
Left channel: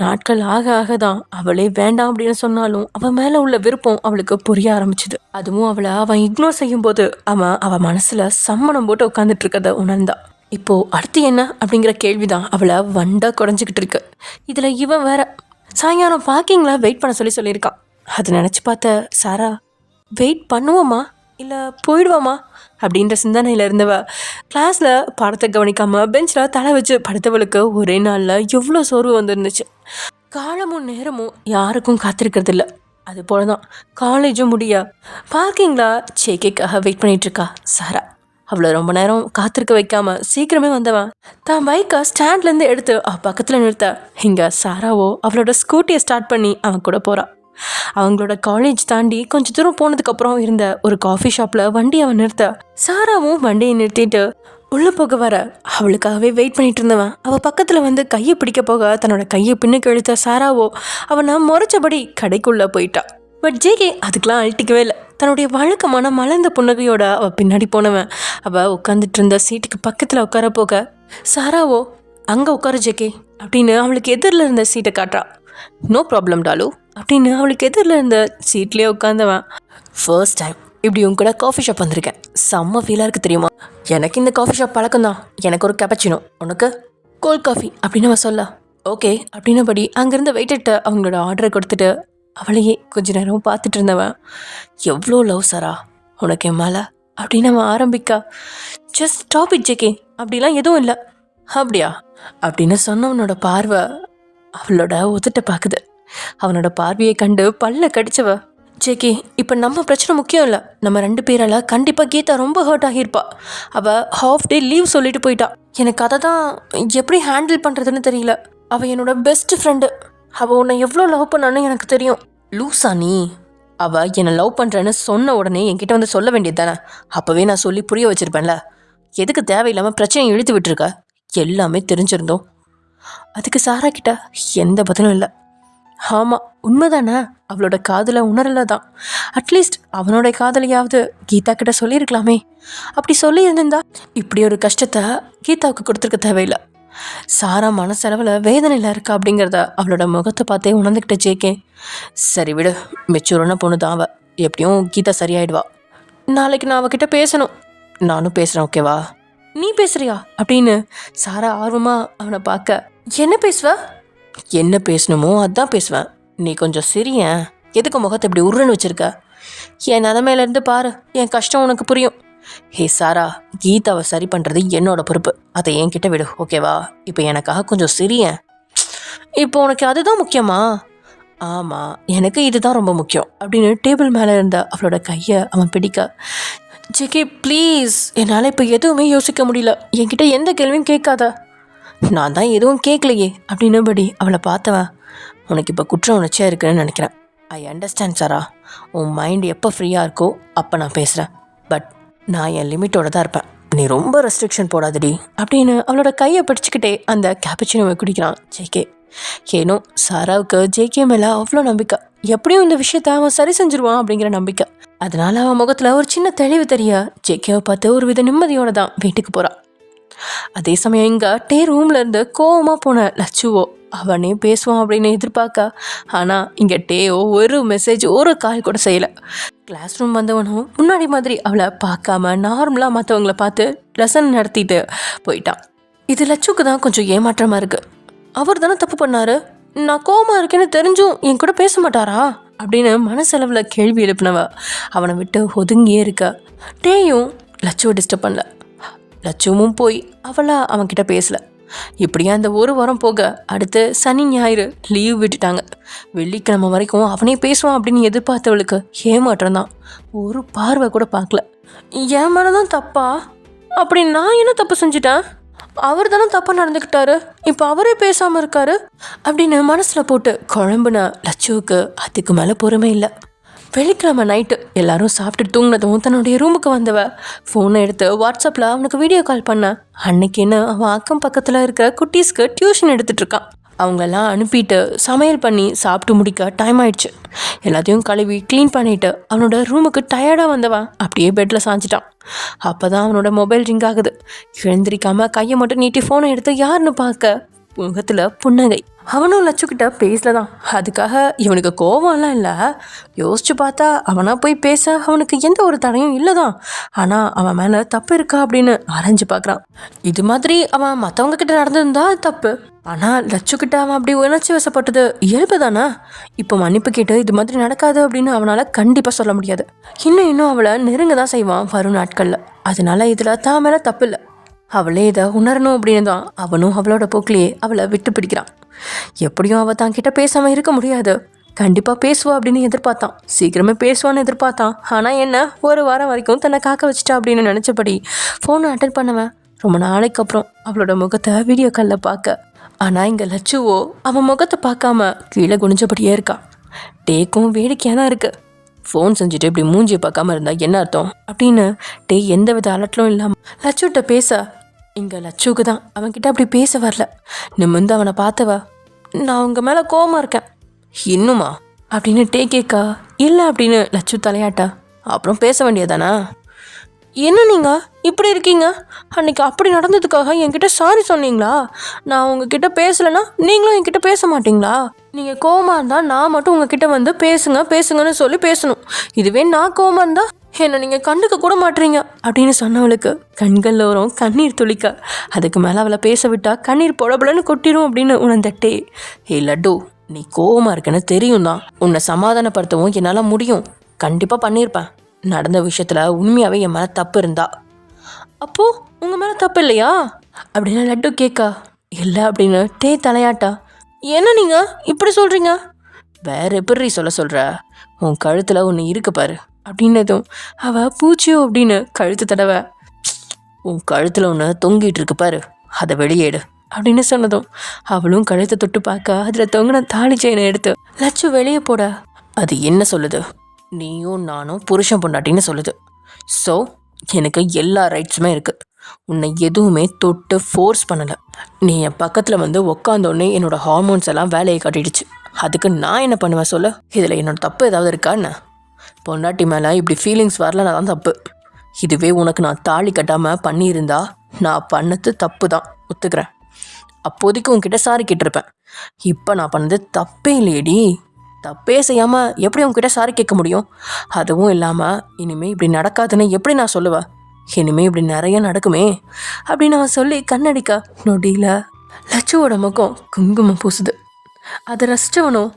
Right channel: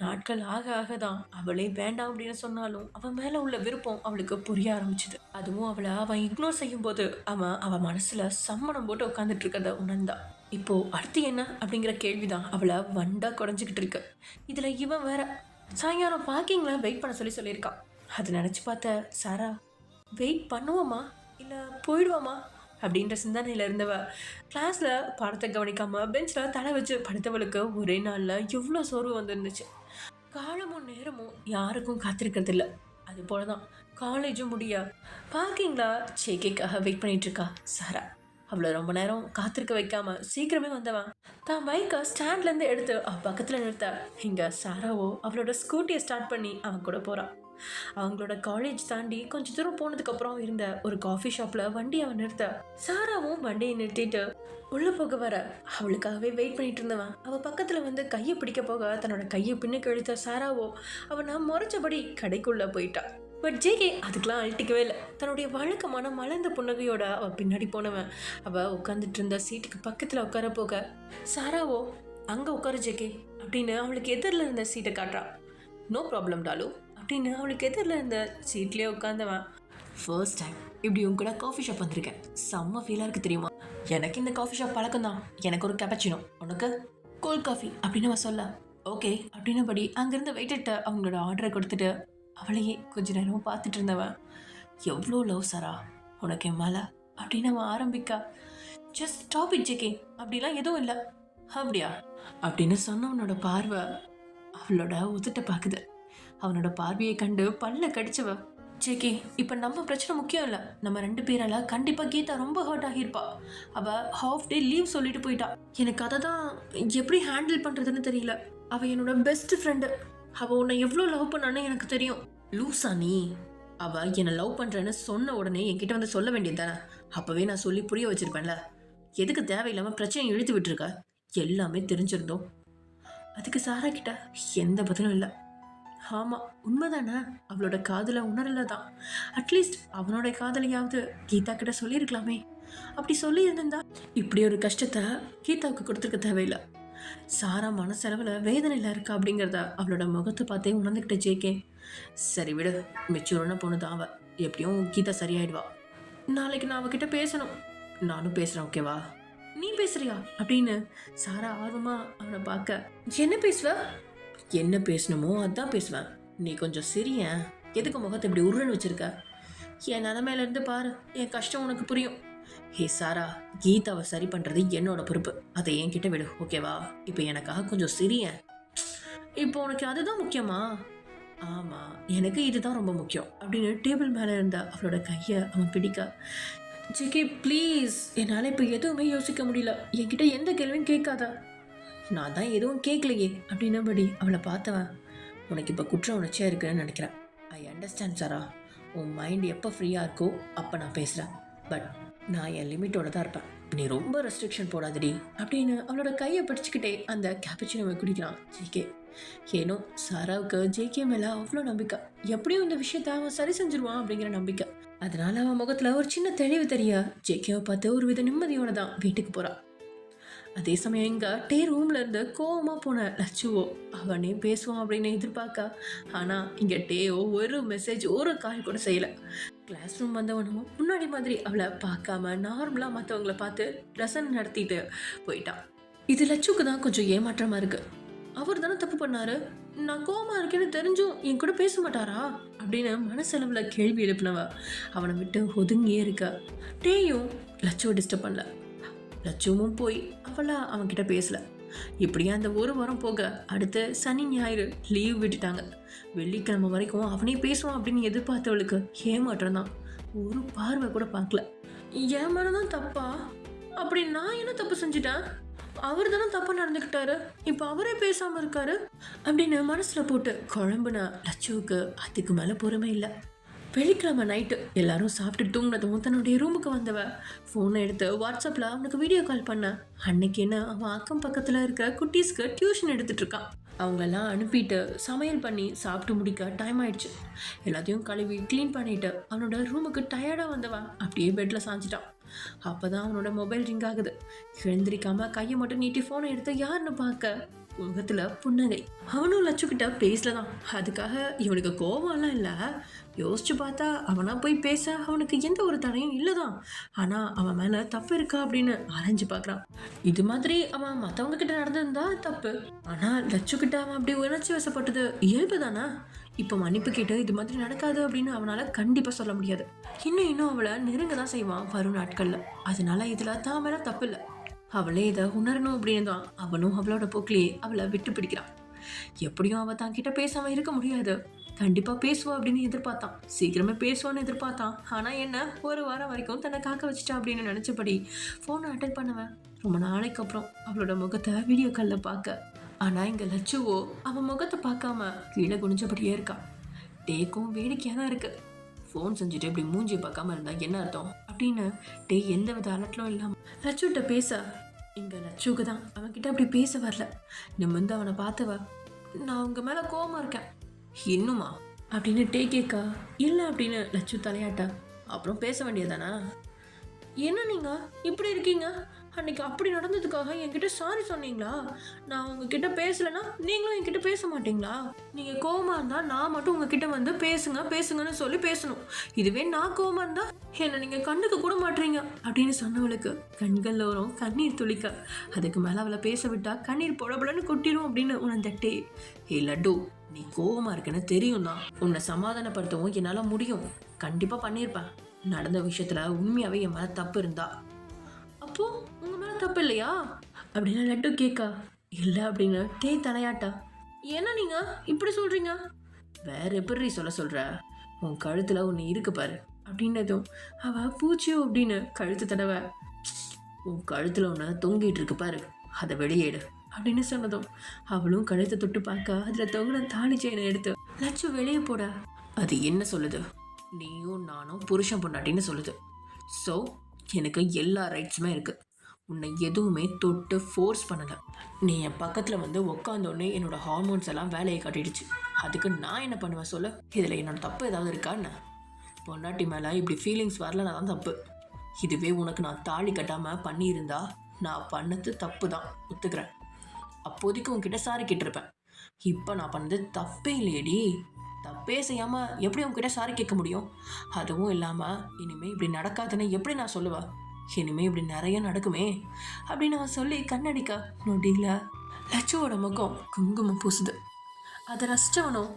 நாட்கள் ஆக ஆக தான் அவளே வேண்டாம் அப்படின்னு சொன்னாலும் அவன் மேலே உள்ள விருப்பம் அவளுக்கு புரிய ஆரம்பிச்சுது. அதுவும் அவன் இக்னோர் செய்யும் போது அவன் மனசுல சம்மணம் போட்டு உட்காந்துட்டு இருக்கத உணர்ந்தா. இப்போ அடுத்து என்ன அப்படிங்கிற கேள்விதான் அவளை வண்டா குறைஞ்சிக்கிட்டு இருக்கு. இதுல இவன் வேற சாயங்காலம் பார்க்கிங்ல வெயிட் பண்ண சொல்லியிருக்கான். அதை நினைச்சு பார்த்த சாரா, வெயிட் பண்ணுவோமா இல்லை போயிடுவோமா அப்படின்ற சிந்தனையில் இருந்தவ கிளாஸில் பாடத்தை கவனிக்காமல் பெஞ்சில் தலை வச்சு படுத்தவளுக்கு ஒரே நாளில் எவ்வளோ சோர்வு வந்துருந்துச்சு. காலமும் நேரமும் யாருக்கும் காத்திருக்கிறது இல்லை. அது போல தான் காலேஜும் முடிய பார்க்கிங்கில் ஜேகேக்காக வெயிட் பண்ணிகிட்ருக்கா சாரா. அவளை ரொம்ப நேரம் காத்திருக்க வைக்காமல் சீக்கிரமே வந்தவன் தான் பைக்கை ஸ்டாண்ட்லேருந்து எடுத்து பக்கத்தில் நிறுத்த இங்கே சாராவோ அவளோட ஸ்கூட்டியை ஸ்டார்ட் பண்ணி அவன் கூட போகிறான். அவங்களோட காலேஜ் தாண்டி கொஞ்சம் தூரம் போனதுக்கப்புறம் இருந்த ஒரு காஃபி ஷாப்பில் வண்டி அவன் நிறுத்த சாராவும் வண்டியை நிறுத்திட்டு உள்ளே போக வர அவளுக்காகவே வெயிட் பண்ணிட்டு இருந்தவன் அவள் பக்கத்தில் வந்து கையை பிடிக்க போக தன்னோட கையை பின்னுக்கு இழுத்த சாராவோ அவனை முறைச்சபடி கடைக்குள்ளே போயிட்டா. பட் ஜேகே அதுக்கெலாம் அழட்டிக்கவே இல்லை. தன்னுடைய வழக்கமான மலர்ந்த புன்னகையோட அவள் பின்னாடி போனவன் அவள் உட்காந்துட்டு இருந்த சீட்டுக்கு பக்கத்தில் உட்கார போக சாராவோ அங்கே உட்கார ஜேகே அப்படின்னு அவளுக்கு எதிரில் இருந்த சீட்டை காட்டுறா. நோ ப்ராப்ளம் டாலு அப்படின்னு அவளுக்கு எதிரில் இருந்த சீட்லேயே உட்காந்தவன், ஃபர்ஸ்ட் டைம் இப்படி உங்க கூட காஃபி ஷாப் வந்திருக்கேன், செம்ம ஃபீலாக இருக்குது தெரியுமா? எனக்கு இந்த காஃபி ஷாப் பழக்கம் தான். எனக்கு ஒரு கேப்பச்சினோ, உனக்கு கோல்ட் காஃபி அப்படின்னு அவன் சொல்ல ஓகே அப்படின்னபடி அங்கேருந்து வெயிட்டிட்ட அவங்களோட ஆர்டரை கொடுத்துட்டு அவளையே கொஞ்ச நேரம் பார்த்துட்டு இருந்தவன், எவ்வளோ லவ் சாரா உனக்கு என் மேலே அப்படின்னு அவன் ஆரம்பிக்கா. ஜஸ்ட் ஸ்டாப் இட் ஜேகே, அப்படிலாம் எதுவும் இல்லை. அப்படியா அப்படின்னு சொன்னவனோட பார்வை அவளோட உதட்ட பார்க்குது. அவனோட பார்வையை கண்டு பல்ல கடிச்சவ, ஜேகே இப்போ நம்ம பிரச்சனை முக்கியம் இல்லை, நம்ம 2 பேரால் கண்டிப்பாக கீதா ரொம்ப ஹர்ட் ஆகியிருப்பா. அவள் ஹாஃப் டே லீவ் சொல்லிட்டு போயிட்டா. எனக்கு அதை தான் எப்படி ஹேண்டில் பண்ணுறதுன்னு தெரியல. அவள் என்னோட பெஸ்ட் ஃப்ரெண்டு, அவள் உன்னை எவ்வளோ லவ் பண்ணான்னு எனக்கு தெரியும். லூசா நீ? அவள் என்னை லவ் பண்ணுறேன்னு சொன்ன உடனே என்கிட்ட வந்து சொல்ல வேண்டியது தானே? அப்போவே நான் சொல்லி புரிய வச்சுருப்பேன்ல. எதுக்கு தேவையில்லாமல் பிரச்சனையை இழுத்து விட்டுருக்க? எல்லாமே தெரிஞ்சிருந்தோம். அதுக்கு சாரா கிட்ட எந்த பதிலும் இல்லை. ஆமாம் உண்மைதானே, அவளோட காதலை உணரலை தான். அட்லீஸ்ட் அவனோட காதலையாவது கீதா கிட்ட சொல்லியிருக்கலாமே. அப்படி சொல்லியிருந்தா இப்படி ஒரு கஷ்டத்தை கீதாவுக்கு கொடுத்துருக்க தேவையில்லை. சாரா மனசளவில் வேதனையில் இருக்கா அப்படிங்கிறத அவளோட முகத்தை பார்த்தே உணர்ந்துக்கிட்ட ஜேகே. சரி விடு, மெச்சூரான பொண்ணு தான் அவள், எப்படியும் கீதா சரியாயிடுவா. நாளைக்கு நான் அவகிட்ட பேசணும். நானும் பேசுகிறேன், ஓகேவா? நீ பேசுறியா அப்படின்னு சாரா ஆர்வமாக அவனை பார்க்க. என்ன பேசுவ? என்ன பேசணுமோ அதான் பேசுவேன். நீ கொஞ்சம் சிரியன். எதுக்கு முகத்தை இப்படி உருன்னு வச்சிருக்க? என் நிலமையிலேருந்து பாரு, என் கஷ்டம் உனக்கு புரியும். ஹே சாரா, கீதாவை சரி பண்ணுறது என்னோட பொறுப்பு. அதை என்கிட்ட விடு, ஓகேவா? இப்போ எனக்காக கொஞ்சம் சிரியன். இப்போ உனக்கு அதுதான் முக்கியமா? ஆமாம், எனக்கு இதுதான் ரொம்ப முக்கியம் அப்படின்னு டேபிள் மேலே இருந்த அவளோட கையை அவன் பிடிக்க. ஜிகே ப்ளீஸ், என்னால் இப்போ எதுவுமே யோசிக்க முடியல. என்கிட்ட எந்த கேள்வியும் கேட்காத. நான் தான் எதுவும் கேட்கலையே அப்படின்னபடி அவளை பார்த்தவன். உனக்கு இப்போ குற்ற உணர்ச்சியாக இருக்குன்னு நினைக்கிறேன். ஐ அண்டர்ஸ்டாண்ட் சாரா. உன் மைண்ட் எப்போ ஃப்ரீயாக இருக்கோ அப்போ நான் பேசுகிறேன். பட் நான் என் லிமிட்டோட தான் இருப்பேன். நீ ரொம்ப ரெஸ்ட்ரிக்ஷன் போடாதடி அப்படின்னு அவளோட கையை பிடிச்சிக்கிட்டே அந்த கேப்பச்சினோவை குடிக்கிறான் ஜேகே. ஏனோ சாராவுக்கு ஜேகே மேலே அவ்வளோ நம்பிக்கை. எப்படியும் இந்த விஷயத்த அவன் சரி செஞ்சிருவான் அப்படிங்கிற நம்பிக்கை. அதனால அவன் முகத்தில் ஒரு சின்ன தெளிவு தெரிய ஜேகேவை பார்த்து ஒரு வித நிம்மதியோட தான் வீட்டுக்கு போகிறான். அதே சமயம் இங்கே டே ரூம்ல இருந்து கோவமாக போன லட்சுவோ அவனே பேசுவான் அப்படின்னு எதிர்பார்க்க. ஆனால் இங்கே டேயோ ஒரு மெசேஜ் ஒரு கால் கூட செய்யலை. கிளாஸ் ரூம் வந்தவனும் முன்னாடி மாதிரி அவளை பார்க்காம நார்மலாக மற்றவங்கள பார்த்து லெசன் நடத்திட்டு போயிட்டான். இது லட்சுக்கு தான் கொஞ்சம் ஏமாற்றமாக இருக்குது. அவர் தானே தப்பு பண்ணாரு, நான் கோவமாக இருக்கேன்னு தெரிஞ்சும் என் கூட பேச மாட்டாரா அப்படின்னு மனசளவில் கேள்வி எழுப்பினவ அவனை விட்டு ஒதுங்கியே இருக்க. டேயும் லட்சுவை டிஸ்டர்ப் பண்ணல. லட்சுவும் போய் அவன்கிட்ட பேசல. இப்படியே அந்த ஒரு வாரம் போக அடுத்து சனி ஞாயிறு லீவ் விட்டுட்டாங்க. வெள்ளிக்கிழமை வரைக்கும் அவனே பேசுவான் அப்படின்னு எதிர்பார்த்தவளுக்கு ஏமாற்றம் தான். ஒரு பார்வை கூட பார்க்கல. என் மேலதான் தப்பா? அப்படி நான் என்ன தப்பு செஞ்சுட்டேன்? அவர் தானே தப்பாக நடந்துக்கிட்டாரு, இப்போ அவரே பேசாமல் இருக்காரு அப்படின்னு மனசில் போட்டு குழம்புன லட்சுவுக்கு அதுக்கு மேலே பொறுமை இல்லை. வெள்ளிக்கிழமை நைட்டு எல்லாரும் சாப்பிட்டு தூங்கினதும் தன்னுடைய ரூமுக்கு வந்தவ ஃபோனை எடுத்து வாட்ஸ்அப்பில் அவனுக்கு வீடியோ கால் பண்ண. அன்னைக்குன்னு அவன் அக்கம் பக்கத்தில் இருக்கிற குட்டீஸ்க்கு டியூஷன் எடுத்துகிட்ருக்கான். அவங்களெல்லாம் அனுப்பிட்டு சமையல் பண்ணி சாப்பிட்டு முடிக்க டைம் ஆயிடுச்சு. எல்லாத்தையும் கழுவி க்ளீன் பண்ணிவிட்டு அவனோட ரூமுக்கு டயர்டாக வந்தவன் அப்படியே பெட்டில் சாஞ்சிட்டான். அப்போ தான் அவனோட மொபைல் ரிங் ஆகுது. எழுந்திரிக்காமல் கையை மட்டும் நீட்டி ஃபோனை எடுத்து யாருன்னு பார்க்க முகத்தில் புன்னகை. அவனும் லட்சுக்கிட்ட பேசல தான். அதுக்காக இவனுக்கு கோவம்லாம் இல்லை. யோசிச்சு பார்த்தா அவனாக போய் பேச அவனுக்கு எந்த ஒரு தடையும் இல்லை தான். ஆனால் அவன் மேலே தப்பு இருக்கா அப்படின்னு ஆராய்ஞ்சு பார்க்குறான். இது மாதிரி அவன் மற்றவங்க கிட்ட நடந்திருந்தா தப்பு. ஆனால் லட்சுக்கிட்ட அவன் அப்படி உணர்ச்சி வசப்பட்டது இயல்பு தானே. இப்போ மன்னிப்பு கேட்டு இது மாதிரி நடக்காது அப்படின்னு அவனால் கண்டிப்பாக சொல்ல முடியாது. இன்னும் அவளை நெருங்க தான் செய்வான் வரும் நாட்களில். அதனால இதில் தான் மேலே தப்பு இல்லை. அவளே இதை உணரணும் அப்படின்னு தான் அவனும் அவளோட போக்கிலேயே அவளை விட்டு பிடிக்கிறான். எப்படியும் அவள் தான் கிட்ட பேசாமல் இருக்க முடியாது. கண்டிப்பாக பேசுவா அப்படின்னு எதிர்பார்த்தான். சீக்கிரமே பேசுவான்னு எதிர்பார்த்தான். ஆனால் என்ன, ஒரு வாரம் வரைக்கும் தன்னை காக்க வச்சிட்டா அப்படின்னு நினச்சபடி ஃபோனை அட்டன் பண்ணவன் ரொம்ப நாளைக்கு அப்புறம் அவளோட முகத்தை வீடியோ காலில் பார்க்க. ஆனால் இங்கே லட்சுவோ அவன் முகத்தை பார்க்காம கீழே குனிஞ்சபடியே இருக்கான். டேக்கும் வேடிக்கையாக தான் இருக்குது. ஃபோன் செஞ்சுட்டு இப்படி மூஞ்சியை பார்க்காம இருந்தால் என்ன அர்த்தம் அப்படின்னு டே எந்த வித அலட்டலும் இல்லாமல் லட்சுகிட்ட பேச. இங்கே லட்சுக்கு தான் அவன்கிட்ட அப்படி பேச வரல. நிமிர்ந்து அவனை பார்த்தவ, நான் உங்கள் மேலே கோவமாக இருக்கேன். இன்னுமா அப்படின்னு டே கேட்கா. இல்லை அப்படின்னு லட்சு தலையாட்டா. அப்புறம் பேச வேண்டியதானா? என்ன நீங்கள் இப்படி இருக்கீங்க? அன்றைக்கி அப்படி நடந்ததுக்காக என்கிட்ட சாரி சொன்னீங்களா? நான் உங்ககிட்ட பேசலைன்னா நீங்களும் என்கிட்ட பேச மாட்டிங்களா? நீங்கள் கோவமாக இருந்தால் நான் மட்டும் உங்ககிட்ட வந்து பேசுங்கன்னு சொல்லி பேசணும். இதுவே நான் கோவமாக இருந்தால் என்னை நீங்கள் கண்டுக்க கூட மாட்டீங்க அப்படின்னு சொன்னவளுக்கு கண்களில் வரும் கண்ணீர் துளிக்க. அதுக்கு மேலே அவளை பேச விட்டா கண்ணீர் பொடபுலன்னு கொட்டிடும் அப்படின்னு உணர்ந்தட்டே. ஹே லட்டு, நீ கோவமாக இருக்கன்னு தெரியும் தான். உன்னை சமாதானப்படுத்தவும் என்னால் முடியும். கண்டிப்பாக பண்ணியிருப்பேன். நடந்த விஷயத்தில் உண்மையாகவே என் மேலே தப்பு இருந்தா. அப்போது உங்கள் மேலே தப்பு இல்லையா அப்படின்னு லட்டு கேட்கா. இல்லை அப்படின்னு டே தலையாட்டா. என்ன நீங்கள் இப்படி சொல்கிறீங்க? வேற எப்படி சொல்கிற? உன் கழுத்தில் ஒன்று இருக்கு பாரு அப்படின்னதும் அவள் பூச்சியோ அப்படின்னு கழுத்து தடவை. உன் கழுத்தில் ஒன்று தொங்கிட்டு இருக்கு பாரு, அதை வெளியேடு அப்படின்னு சொன்னதும் அவளும் கழுத்தை தொட்டு பார்க்க அதில் தொங்கின தாலி செயினை எடுத்து லட்சு வெளியே போட. அது என்ன சொல்லுது? நீயும் நானும் புருஷன் பொண்டாட்டின்னு சொல்லுது. ஸோ எனக்கு எல்லா ரைட்ஸுமே இருக்குது. உன்னை எதுவுமே தொட்டு ஃபோர்ஸ் பண்ணலை. நீ என் பக்கத்தில் வந்து உக்காந்தோடனே என்னோடய ஹார்மோன்ஸ் எல்லாம் வேலையை காட்டிடுச்சு. அதுக்கு நான் என்ன பண்ணுவேன் சொல்ல? இதில் என்னோட தப்பு ஏதாவது இருக்கா என்ன? பொண்டாட்டி மேலே இப்படி ஃபீலிங்ஸ் வரலன்னா தான் தப்பு. இதுவே உனக்கு நான் தாலி கட்டாமல் பண்ணியிருந்தா நான் பண்ணது தப்பு தான், ஒத்துக்கிறேன். அப்போதைக்கு உன்கிட்ட சாரி கேட்டிருப்பேன். இப்போ நான் பண்ணது தப்பே இல்லையேடி. தப்பே செய்யாமல் எப்படி உங்ககிட்ட சாரி கேட்க முடியும்? அதுவும் இல்லாமல் இனிமேல் இப்படி நடக்காதுன்னு எப்படி நான் சொல்லுவேன்? இனிமேல் இப்படி நிறைய நடக்குமே அப்படின்னு அவன் சொல்லி கண்ணடிக்கா நொடியில் லட்சுவோட முகம் குங்குமம் பூசுது. அதை ரசிச்சவனும்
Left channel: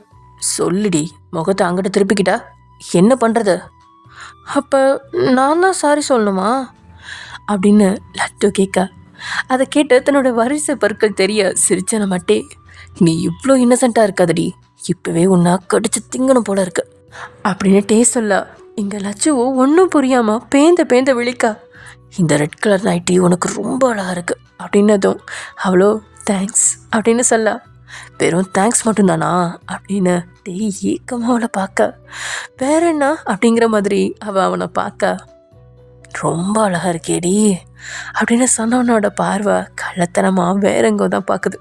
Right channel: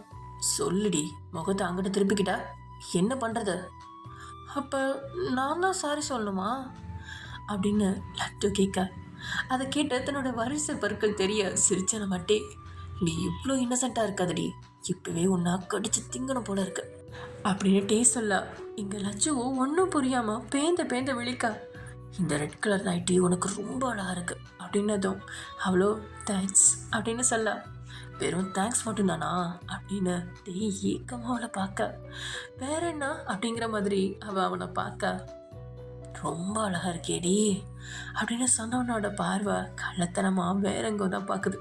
சொல்லிடி, முகத்தை அங்கிட்ட திருப்பிக்கிட்டா என்ன பண்ணுறது? அப்போ நான் தான் சாரி சொல்லணுமா அப்படின்னு லட்டு கேட்க, அதை கேட்டு தன்னோட வரிசை பற்கள் தெரிய சிரிச்சன மட்டே, நீ இவ்வளோ இன்னசென்ட்டாக இருக்காதடி, இப்போவே உன்னா கடிச்சு திங்கணும் போல இருக்கு அப்படின்னு சொல்ல, இங்கே லட்சுவோ ஒன்றும் புரியாமல் பேந்த விழிக்கா, இந்த ரெட் கலர் நைட்டி உனக்கு ரொம்ப அழகாக இருக்கு அப்படின்னதும் அவ்வளோ தேங்க்ஸ் அப்படின்னு சொல்ல, வெறும் தேங்க்ஸ் மட்டும்தானா அப்படின்னு ஏக்கமாக அவளை பார்க்க, வேற என்ன அப்படிங்கிற மாதிரி அவனை பார்க்க, ரொம்ப அழகாக இருக்கேடி அப்படின்னு சொன்னவனோட பார்வை கள்ளத்தனமாக வேற எங்கோ தான் பார்க்குது.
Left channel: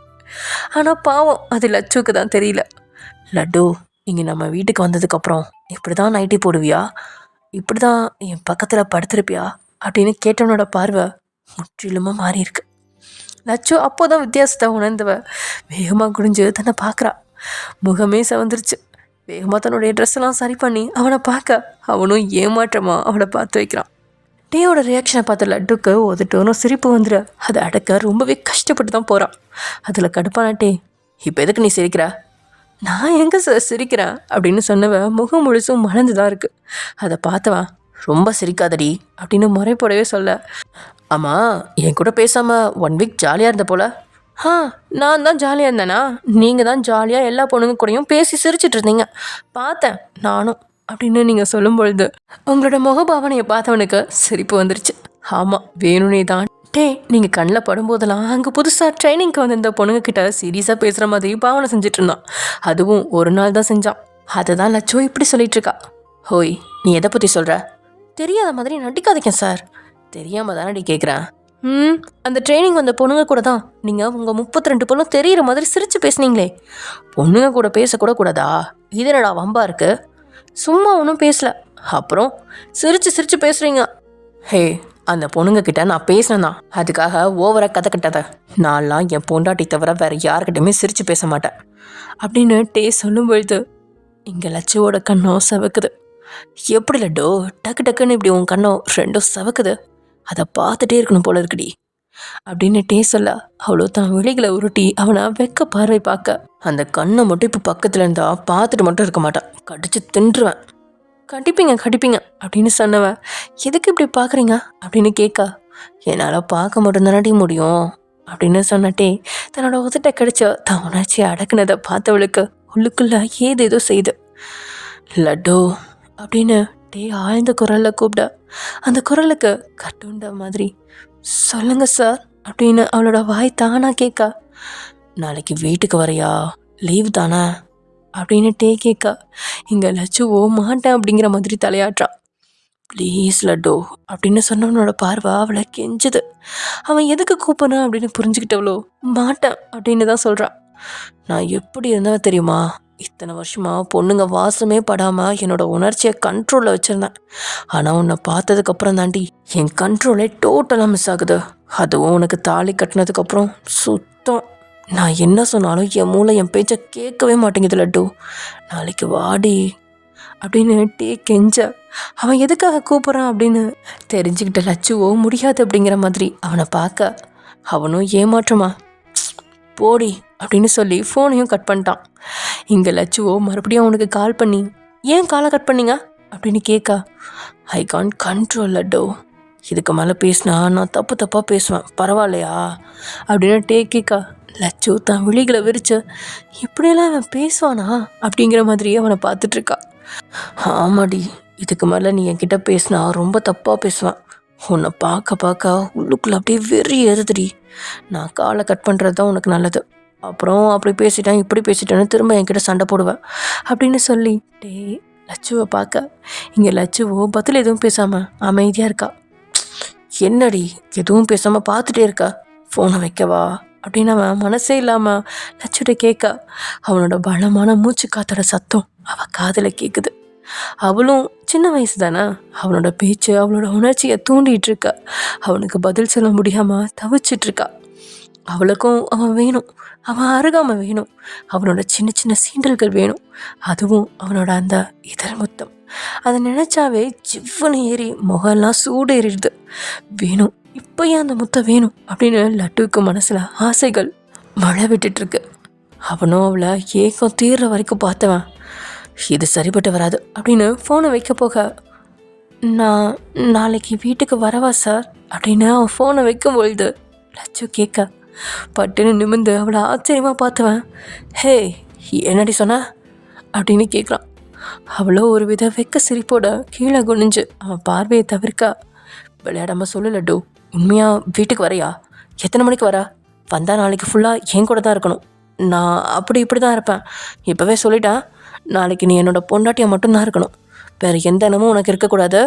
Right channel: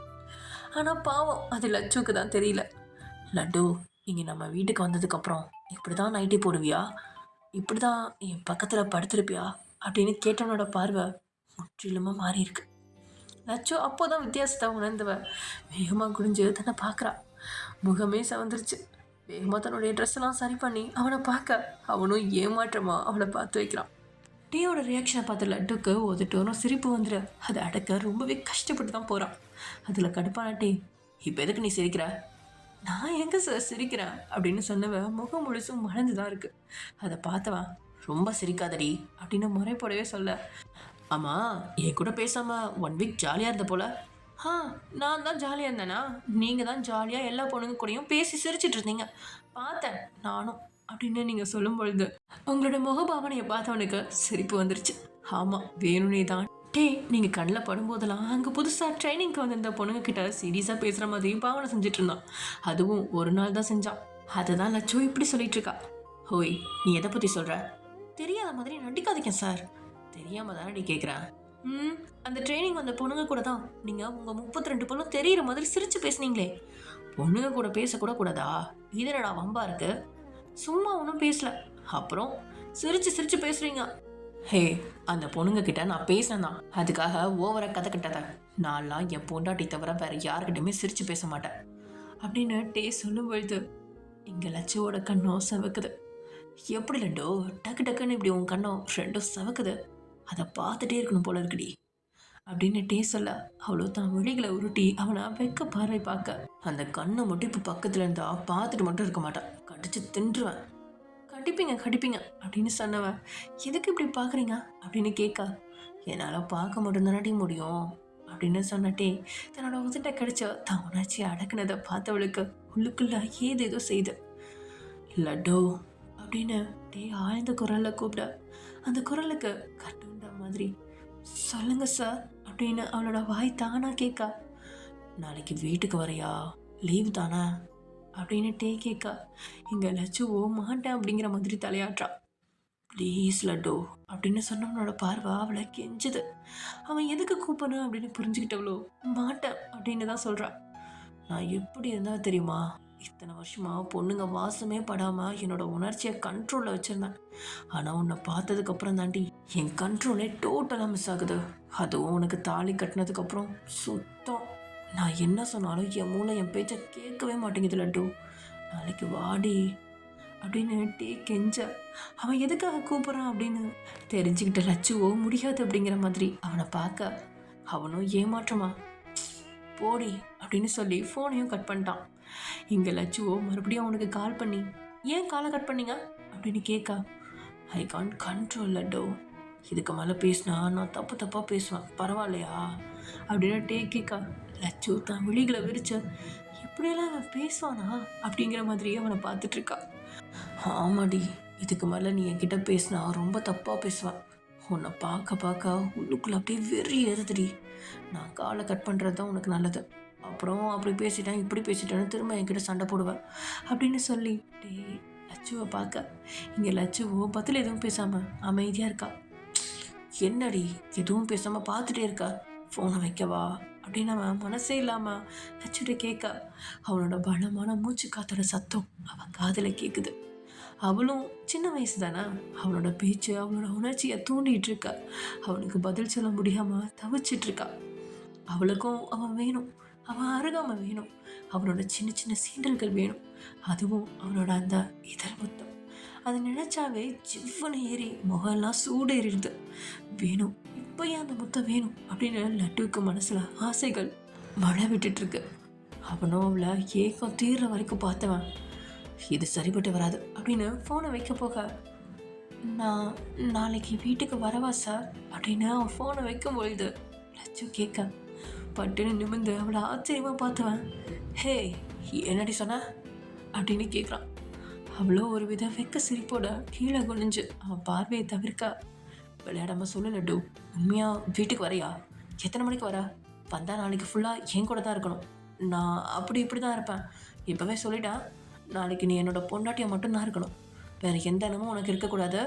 ஆனால் பாவம் அது லட்சுவுக்கு தான் தெரியல. லட்டு, இங்கே நம்ம வீட்டுக்கு வந்ததுக்கப்புறம் இப்படி தான் நைட்டி போடுவியா, இப்படி தான் என் பக்கத்தில் படுத்திருப்பியா அப்படின்னு கேட்டவனோட பார்வை முற்றிலுமாக மாறி இருக்கு. லட்சு அப்போதான் வித்தியாசத்தை உணர்ந்தவ வேகமாக குடிஞ்சு தன்னை பார்க்குறா. முகமே செவந்துருச்சு. வேகமாக தன்னுடைய ட்ரெஸ்ஸெல்லாம் சரி பண்ணி அவனை பார்க்க அவனும் ஏமாற்றமாக அவளை பார்த்து வைக்கிறான். டேயோட ரியாக்ஷனை பார்த்த லட்டுக்கு ஒதுட்டோனும் சிரிப்பு வந்துடு. அதை அடக்க ரொம்பவே கஷ்டப்பட்டு தான் போகிறான். அதில் கடுப்பான டே, இப்போ எதுக்கு நீ சிரிக்கிற? நான் எங்கே சார் சிரிக்கிறேன் அப்படின்னு சொன்னவ முகம் முழுசும் மலர்ந்து தான் இருக்குது. அதை பார்த்தவன் ரொம்ப சிரிக்காதடி அப்படின்னு முறைப்படவே சொல்ல, ஆமாம் என் கூட பேசாமல் 1 வீக் ஜாலியாக இருந்த போல. நான் தான் ஜாலியாக இருந்தேனா? நீங்கள் தான் ஜாலியாக எல்லா பொண்ணுங்க கூடயும் பேசி சிரிச்சிட்டு இருந்தீங்க, பார்த்தேன் நானும் அப்படின்னு நீங்கள் சொல்லும் பொழுது உங்களோட முகபாவனையை பார்த்தவனுக்கு சிரிப்பு வந்துருச்சு. ஆமாம் வேணும்னே தான். டே, நீங்கள் கண்ணில் படும்போதெல்லாம் அங்கே புதுசாக ட்ரைனிங்க்கு வந்திருந்த பொண்ணுங்க கிட்ட சீரியஸாக பேசுகிற மாதிரி பாவனை செஞ்சுட்டு இருந்தான். அதுவும் ஒரு நாள் தான் செஞ்சான். அதை தான் லட்சோ இப்படி சொல்லிட்டு இருக்கா. ஹோய், நீ எதை பற்றி சொல்கிற? தெரியாத மாதிரி நடிக்காதீங்க சார். தெரியாமல் தானே கேட்குறேன். அந்த ட்ரைனிங் வந்த பொண்ணுங்க கூட தான் நீங்கள் உங்கள் 32 பொண்ணும் தெரிகிற மாதிரி சிரித்து பேசுனீங்களே. பொண்ணுங்க கூட பேசக்கூட கூடாதா? இது என்னடா வம்பா இருக்கு? சும்மா ஒன்றும் பேசல, அப்புறம் சிரித்து பேசுகிறீங்க. ஹே, அந்த பொண்ணுங்க கிட்ட நான் பேசினேன், அதுக்காக ஓவராக கதை கட்டாத. நான்லாம் என் பொண்டாட்டி தவிர வேறு யார்கிட்டையுமே சிரித்து பேச மாட்டேன் அப்படின்னு டே சொல்லும் பொழுது இங்கே லட்சுவோட கண்ணம் சவக்குது. எப்படி லட்டோ டக்கு டக்குன்னு இப்படி உன் கண்ணம் ரெண்டும் சவக்குது? அதை பார்த்துட்டே இருக்கணும் போல இருக்குடி அப்படின்னு டே சொல்ல, அவ்வளோ தான் விழிகளை உருட்டி அவனை வெக்க பார்வை பார்க்க, அந்த கண்ணை மட்டும் இப்போ பக்கத்தில் இருந்தா பார்த்துட்டு மட்டும் இருக்க மாட்டான், கடிச்சு தின்றுவேன். கடிப்பீங்க அப்படின்னு சொன்னவன், எதுக்கு இப்படி பார்க்குறீங்க அப்படின்னு கேட்க, என்னால் பார்க்க மட்டும்தானடி முடியும் அப்படின்னு சொன்னட்டே தன்னோட உதட்ட கடிச்ச தான் உணர்ச்சி அடக்குனதை பார்த்தவளுக்கு உள்ளுக்குள்ள ஏதேதோ செய்து. லட்டு அப்படின்னு டே ஆழ்ந்த குரலில் கூப்பிட, அந்த குரலுக்கு கட்டுண்ட மாதிரி சொல்லுங்க சார் அப்படின்னு அவளோட வாய் தானா கேட்க, நாளைக்கு வீட்டுக்கு வரையா, லீவ் தானே அப்படின்னு டே கேட்க, இங்கே லட்சுவோ மாட்டேன் அப்படிங்கிற மாதிரி தலையாட்டுறான். ப்ளீஸ் லட்டு அப்படின்னு சொன்னவனோட பார்வை அவளை கெஞ்சுது. அவன் எதுக்கு கூப்பிட்றான் அப்படின்னு புரிஞ்சுக்கிட்டவளோ மாட்டேன் அப்படின்னு தான் சொல்கிறான். நான் எப்படி இருந்தவன் தெரியுமா? இத்தனை வருஷமாக பொண்ணுங்க வாசமே படாமல் என்னோட உணர்ச்சியை கண்ட்ரோலில் வச்சுருந்தேன். ஆனால் உன்னை பார்த்ததுக்கப்புறம் தாண்டி என் கண்ட்ரோலே டோட்டலாக மிஸ் ஆகுது. அதுவும் உனக்கு தாலி கட்டினதுக்கப்புறம் சுத்தம். நான் என்ன சொன்னாலும் என் மூளை என் பேச்சை கேட்கவே மாட்டேங்குது லட்டு. நாளைக்கு வாடி அப்படின்னு டே கெஞ்ச, அவன் எதுக்காக கூப்பிட்றான் அப்படின்னு தெரிஞ்சுக்கிட்ட லட்சுவோ முடியாது அப்படிங்கிற மாதிரி அவனை பார்க்க, அவனும் ஏமாற்றமா போடி அப்படின்னு சொல்லி ஃபோனையும் கட் பண்ணிட்டான். இங்கே லட்சுவோ மறுபடியும் அவனுக்கு கால் பண்ணி, ஏன் காலை கட் பண்ணீங்க அப்படின்னு கேட்க, ஐ கான்ட் கண்ட்ரோல் லட்டு, இதுக்கு மேலே பேசினா நான் தப்பாக பேசுவேன், பரவாயில்லையா அப்படின்னு டே கேட்க, லட்சு தான் விழிகளை விரிச்சு, இப்படியெல்லாம் அவன் பேசுவானா அப்படிங்கிற மாதிரி அவனை பார்த்துட்ருக்கா. ஆமாடி, இதுக்கு மேலே நீ என்கிட்ட பேசினா ரொம்ப தப்பாக பேசுவேன். உன்னை பார்க்க உள்ளுக்குள்ள அப்படியே வெறி ஏறுதுடி. நான் காலை கட் பண்ணுறது தான் உனக்கு நல்லது. அப்புறம் அப்படி பேசிட்டேன் இப்படி பேசிட்டேன்னு திரும்ப என்கிட்ட சண்டை போடுவேன் அப்படின்னு சொல்லி டே லட்சுவை பார்க்க, இங்கே லட்சுவோ பதில் எதுவும் பேசாமல் அமைதியாக இருக்கா. என்னடி எதுவும் பேசாமல் பார்த்துட்டே இருக்கா, ஃபோனை வைக்கவா அப்படின்னு அவன் மனசே இல்லாமல் லட்சுட்ட கேட்க, அவனோட பலமான மூச்சு காத்தோட சத்தம் அவள் காதில் கேட்குது. அவளும் சின்ன வயசு தானே, அவனோட பேச்சு அவளோட உணர்ச்சியை தூண்டிகிட்டு இருக்கா. அவனுக்கு பதில் சொல்ல முடியாமல் தவிச்சிட்ருக்கா. அவளுக்கும் அவன் வேணும், அவன் அருகாமல் வேணும், அவனோட சின்ன சின்ன சீண்டல்கள் வேணும், அதுவும் அவனோட அந்த இதழ் முத்தம். அதை நினச்சாவே ஜிவ்வனு ஏறி முகம்லாம் சூடு ஏறிடுது. வேணும், இப்போ ஏன் அந்த முத்தம் வேணும் அப்படின்னு லட்டுவுக்கு மனசில் ஆசைகள் மழை விட்டுட்டுருக்கு. அவனும் அவளை ஏக்கம் தீர்ற வரைக்கும் பார்த்தவன் இது சரிப்பட்டு வராது அப்படின்னு ஃபோனை வைக்க போக, நான் நாளைக்கு வீட்டுக்கு வரவா சார் அப்படின்னு அவன் ஃபோனை வைக்கும் பொழுது லட்சு கேட்க பட்டுன்னு நிமிந்து அவளை ஆச்சரியமாக பார்த்தவன், ஹே என்னடி சொன்ன அப்படின்னு கேட்குறான். அவ்வளோ ஒரு வித வெக்க சிரிப்போட கீழே குனிஞ்சு அவன் பார்வையை தவிர்க்க, விளையாடாமல் சொல்லு லட்டு, உண்மையாக வீட்டுக்கு வரையா? எத்தனை மணிக்கு வரா? வந்தால் நாளைக்கு ஃபுல்லாக என் கூட தான் இருக்கணும். நான் அப்படி இப்படி தான் இருப்பேன், இப்போவே சொல்லிட்டேன். நாளைக்கு நீ என்னோட பொண்டாட்டியை மட்டும்தான் இருக்கணும், வேறு எந்த எண்ணமும் உனக்கு இருக்கக்கூடாது.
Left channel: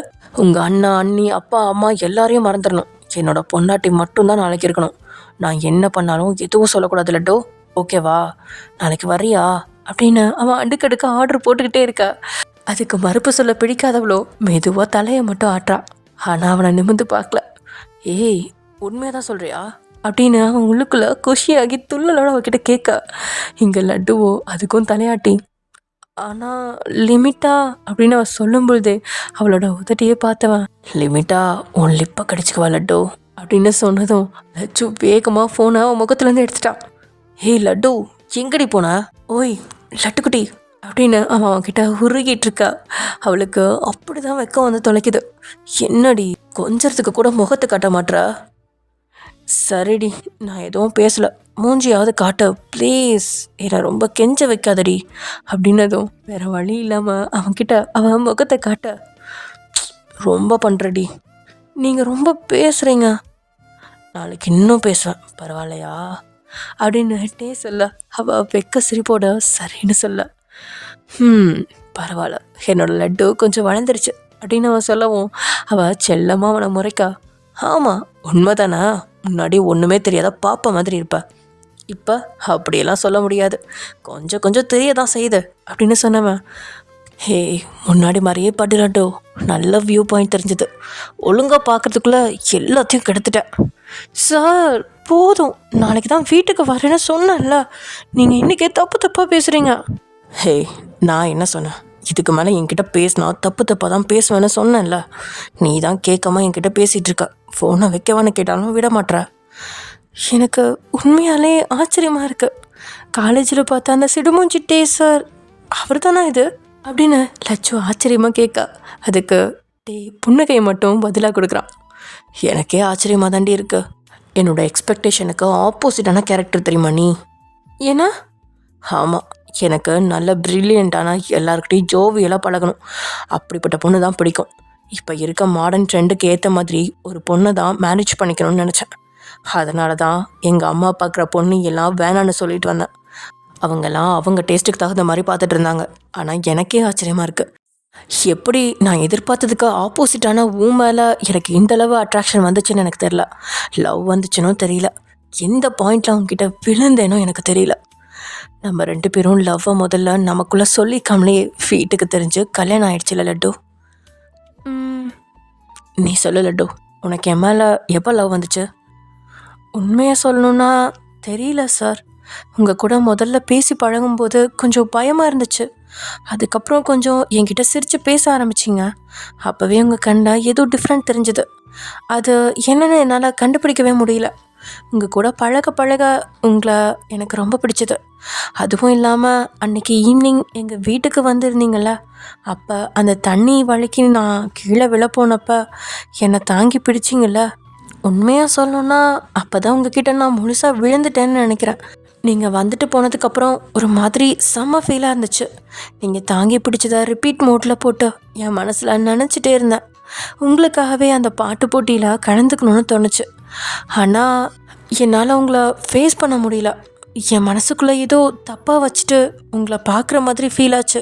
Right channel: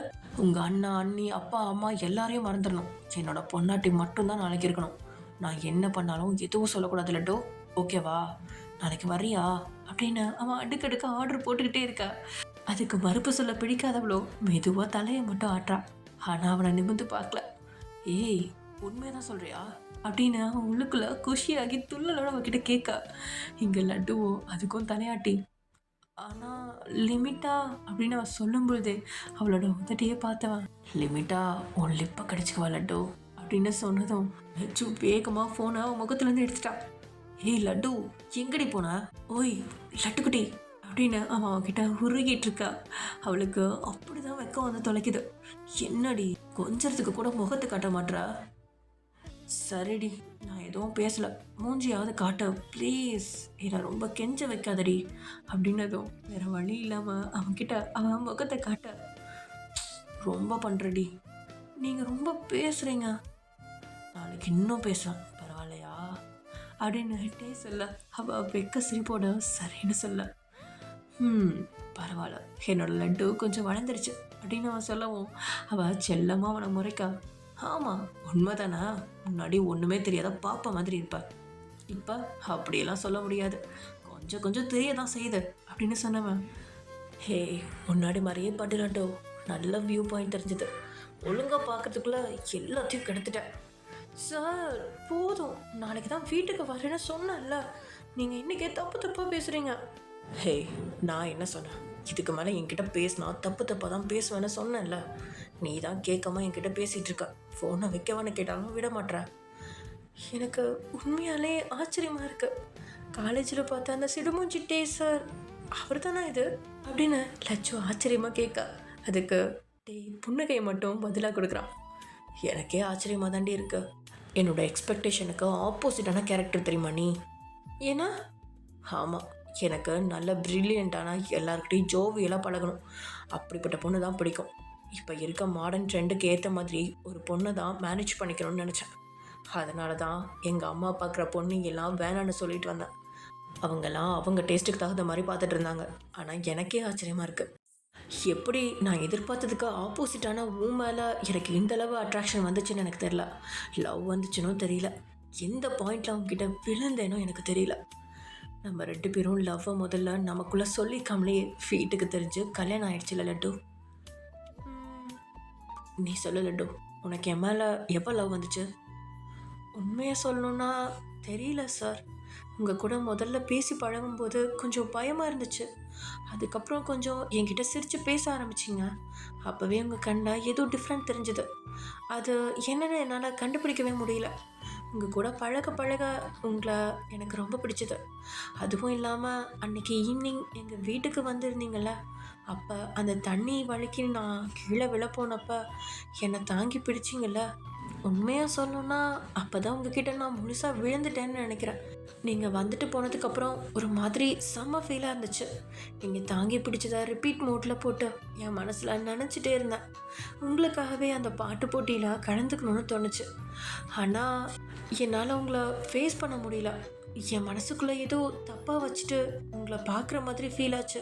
உங்கள் அண்ணா அண்ணி அப்பா அம்மா எல்லாரையும் மறந்துடணும். என்னோட பொண்டாட்டி மட்டும்தான் நாளைக்கு இருக்கணும். நான் என்ன பண்ணாலும் எதுவும் சொல்லக்கூடாது லட்டு, ஓகேவா? நாளைக்கு வரியா அப்படின்னு அவன் அடுக்கடுக்க ஆர்டர் போட்டுக்கிட்டே இருக்கா. அதுக்கு மறுப்பு சொல்ல பிடிக்காதவளோ மெதுவாக தலையை மட்டும் ஆட்டுறா. ஆனால் அவனை நிமிந்து பார்க்கல. ஏய் உண்மையாக தான் சொல்கிறியா அப்படின்னு அவன் உள்ளுக்குள்ளே குஷியாகி துள்ளலோட அவகிட்ட கேட்க, இங்கே லட்டுவோ அதுக்கும் தலையாட்டி, ஆனால் லிமிட்டா அப்படின்னு அவன் சொல்லும் பொழுதே அவளோட உதட்டியே பார்த்தவன், லிமிட்டா உன் லிப்பை கடிச்சிக்குவா லட்டு அப்படின்னு சொன்னதும் லட்சு வேகமாக ஃபோனை அவன் முகத்துலேருந்து எடுத்துட்டான். ஏய் லட்டு எங்கடி போனா? ஓய் லட்டுக்குட்டி அப்படின்னு அவன் அவன்கிட்ட உருகிட்டு இருக்கா. அவளுக்கு அப்படிதான் வெக்கம் வந்து தொலைக்குது. என்னடி கொஞ்சத்துக்கு கூட முகத்தை காட்ட மாட்றா? சரிடி நான் எதுவும் பேசலை, மூஞ்சியாவது காட்ட ப்ளீஸ், என்னை ரொம்ப கெஞ்ச வைக்காதடி அப்படின்னதும் வேற வழி இல்லாமல் அவன்கிட்ட அவன் முகத்தை காட்ட, ரொம்ப பண்ணுறடி, நீங்கள் ரொம்ப பேசுகிறீங்க, நாளைக்கு இன்னும் பேசுவேன் பரவாயில்லையா அப்படின்னுட்டே சொல்ல அவள் வெக்க சிரிப்போட சரின்னு சொல்ல, பரவாயில்ல என்னோட லட்டு கொஞ்சம் வளர்ந்துருச்சு அப்படின்னு அவன் சொல்லவும் அவள் செல்லமாக அவனை முறைக்கா, ஆமாம் உண்மைதானா, முன்னாடி ஒன்றுமே தெரியாத பாப்பா மாதிரி இருப்ப, இப்போ அப்படியெல்லாம் சொல்ல முடியாது, கொஞ்சம் கொஞ்சம் தெரிய தான் செய்யுது அப்படின்னு சொன்னவன், ஹே முன்னாடி மாதிரியே பட்டுலாட்டோ, நல்ல வியூ பாயிண்ட் தெரிஞ்சுது, ஒழுங்காக பார்க்குறதுக்குள்ளே எல்லாத்தையும் கெடுத்துட்டேன். சார் போதும், நாளைக்கு தான் வீட்டுக்கு வரேன்னு சொன்னேன்ல, நீங்கள் இன்றைக்கே தப்பாக பேசுகிறீங்க. ஹே நான் என்ன சொன்னேன், இதுக்கு மேலே என்கிட்ட பேசினா தப்பாக தான் பேசுவேன்னு சொன்னேன்ல, நீ தான் கேட்காம என்கிட்ட பேசிகிட்டு இருக்க, ஃபோனை வைக்கவான்னு கேட்டாலும் விட மாட்ற. எனக்கு உண்மையாலே ஆச்சரியமாக இருக்குது, காலேஜில் பார்த்தா அந்த சிடுமூஞ்சிட்டே சார் அவர் தானே இது அப்படின்னு லட்சு ஆச்சரியமாக கேட்கா. அதுக்கு புன்னகையை மட்டும் பதிலாக கொடுக்குறான். எனக்கே ஆச்சரியமாக தாண்டி இருக்கு, என்னோட எக்ஸ்பெக்டேஷனுக்கு ஆப்போசிட்டான கேரக்டர் தெரியுமா நீ? ஏன்னா ஆமாம், எனக்கு நல்ல ப்ரில்லியண்ட்டான எல்லாருக்கிட்டையும் ஜோவியெல்லாம் பழகணும், அப்படிப்பட்ட பொண்ணு தான் பிடிக்கும். இப்போ இருக்க மாடர்ன் ட்ரெண்டுக்கு ஏற்ற மாதிரி ஒரு பொண்ணை தான் மேனேஜ் பண்ணிக்கணும்னு நினச்சேன். அதனால தான் எங்கள் அம்மா பார்க்குற பொண்ணு எல்லாம் வேணான்னு சொல்லிட்டு வந்தேன். அவங்கெல்லாம் அவங்க டேஸ்ட்டுக்கு தகுந்த மாதிரி பார்த்துட்டு இருந்தாங்க. ஆனால் எனக்கே ஆச்சரியமாக இருக்குது, எப்படி நான் எதிர்பார்த்ததுக்கு ஆப்போசிட்டான மேலே எனக்கு இந்தளவு அட்ராக்ஷன் வந்துச்சுன்னு எனக்கு தெரியல, லவ் வந்துச்சுன்னு தெரியல, எந்த பாயிண்டில் அவங்ககிட்ட விழுந்தேனோ எனக்கு தெரியல. நம்ம 2 பேரும் லவ்வை முதல்ல நமக்குள்ளே சொல்லிக்காமலே வீட்டுக்கு தெரிஞ்சு கல்யாணம் ஆயிடுச்சுல லட்டு. நீ சொல்லு லட்டு, உனக்கு என் மேலே எப்போ லவ் வந்துச்சு? உண்மையாக சொல்லணுன்னா தெரியல சார், உங்கள் கூட முதல்ல பேசி பழகும்போது கொஞ்சம் பயமாக இருந்துச்சு, அதுக்கப்புறம் கொஞ்சம் என்கிட்ட சிரித்து பேச ஆரம்பிச்சிங்க, அப்போவே உங்கள் கண்டா ஏதோ டிஃப்ரெண்ட் தெரிஞ்சுது, அது என்னென்னு என்னால் கண்டுபிடிக்கவே முடியல. உங்கள் கூட பழக பழக உங்களை எனக்கு ரொம்ப பிடிச்சது. அதுவும் இல்லாமல் அன்றைக்கி ஈவினிங் எங்கள் வீட்டுக்கு வந்திருந்தீங்கள, அப்போ அந்த தண்ணி வலிக்கு நான் கீழே விழ போனப்போ என்னை தாங்கி பிடிச்சிங்கள்ல, உண்மையாக சொல்லணுன்னா அப்போ தான் உங்ககிட்ட நான் முழுசாக விழுந்துட்டேன்னு நினைக்கிறேன். நீங்கள் வந்துட்டு போனதுக்கப்புறம் ஒரு மாதிரி செம்ம ஃபீலாக இருந்துச்சு. நீங்கள் தாங்கி பிடிச்சதை ரிப்பீட் மோட்டில் போட்டு என் மனசில் நினச்சிட்டே இருந்தேன். உங்களுக்காகவே அந்த பாட்டு போட்டியில் கலந்துக்கணும்னு தோணுச்சு. ஆனால் என்னால் உங்களை ஃபேஸ் பண்ண முடியல. என் மனசுக்குள்ளே ஏதோ தப்பாக வச்சுட்டு உங்களை பார்க்குற மாதிரி ஃபீல் ஆச்சு.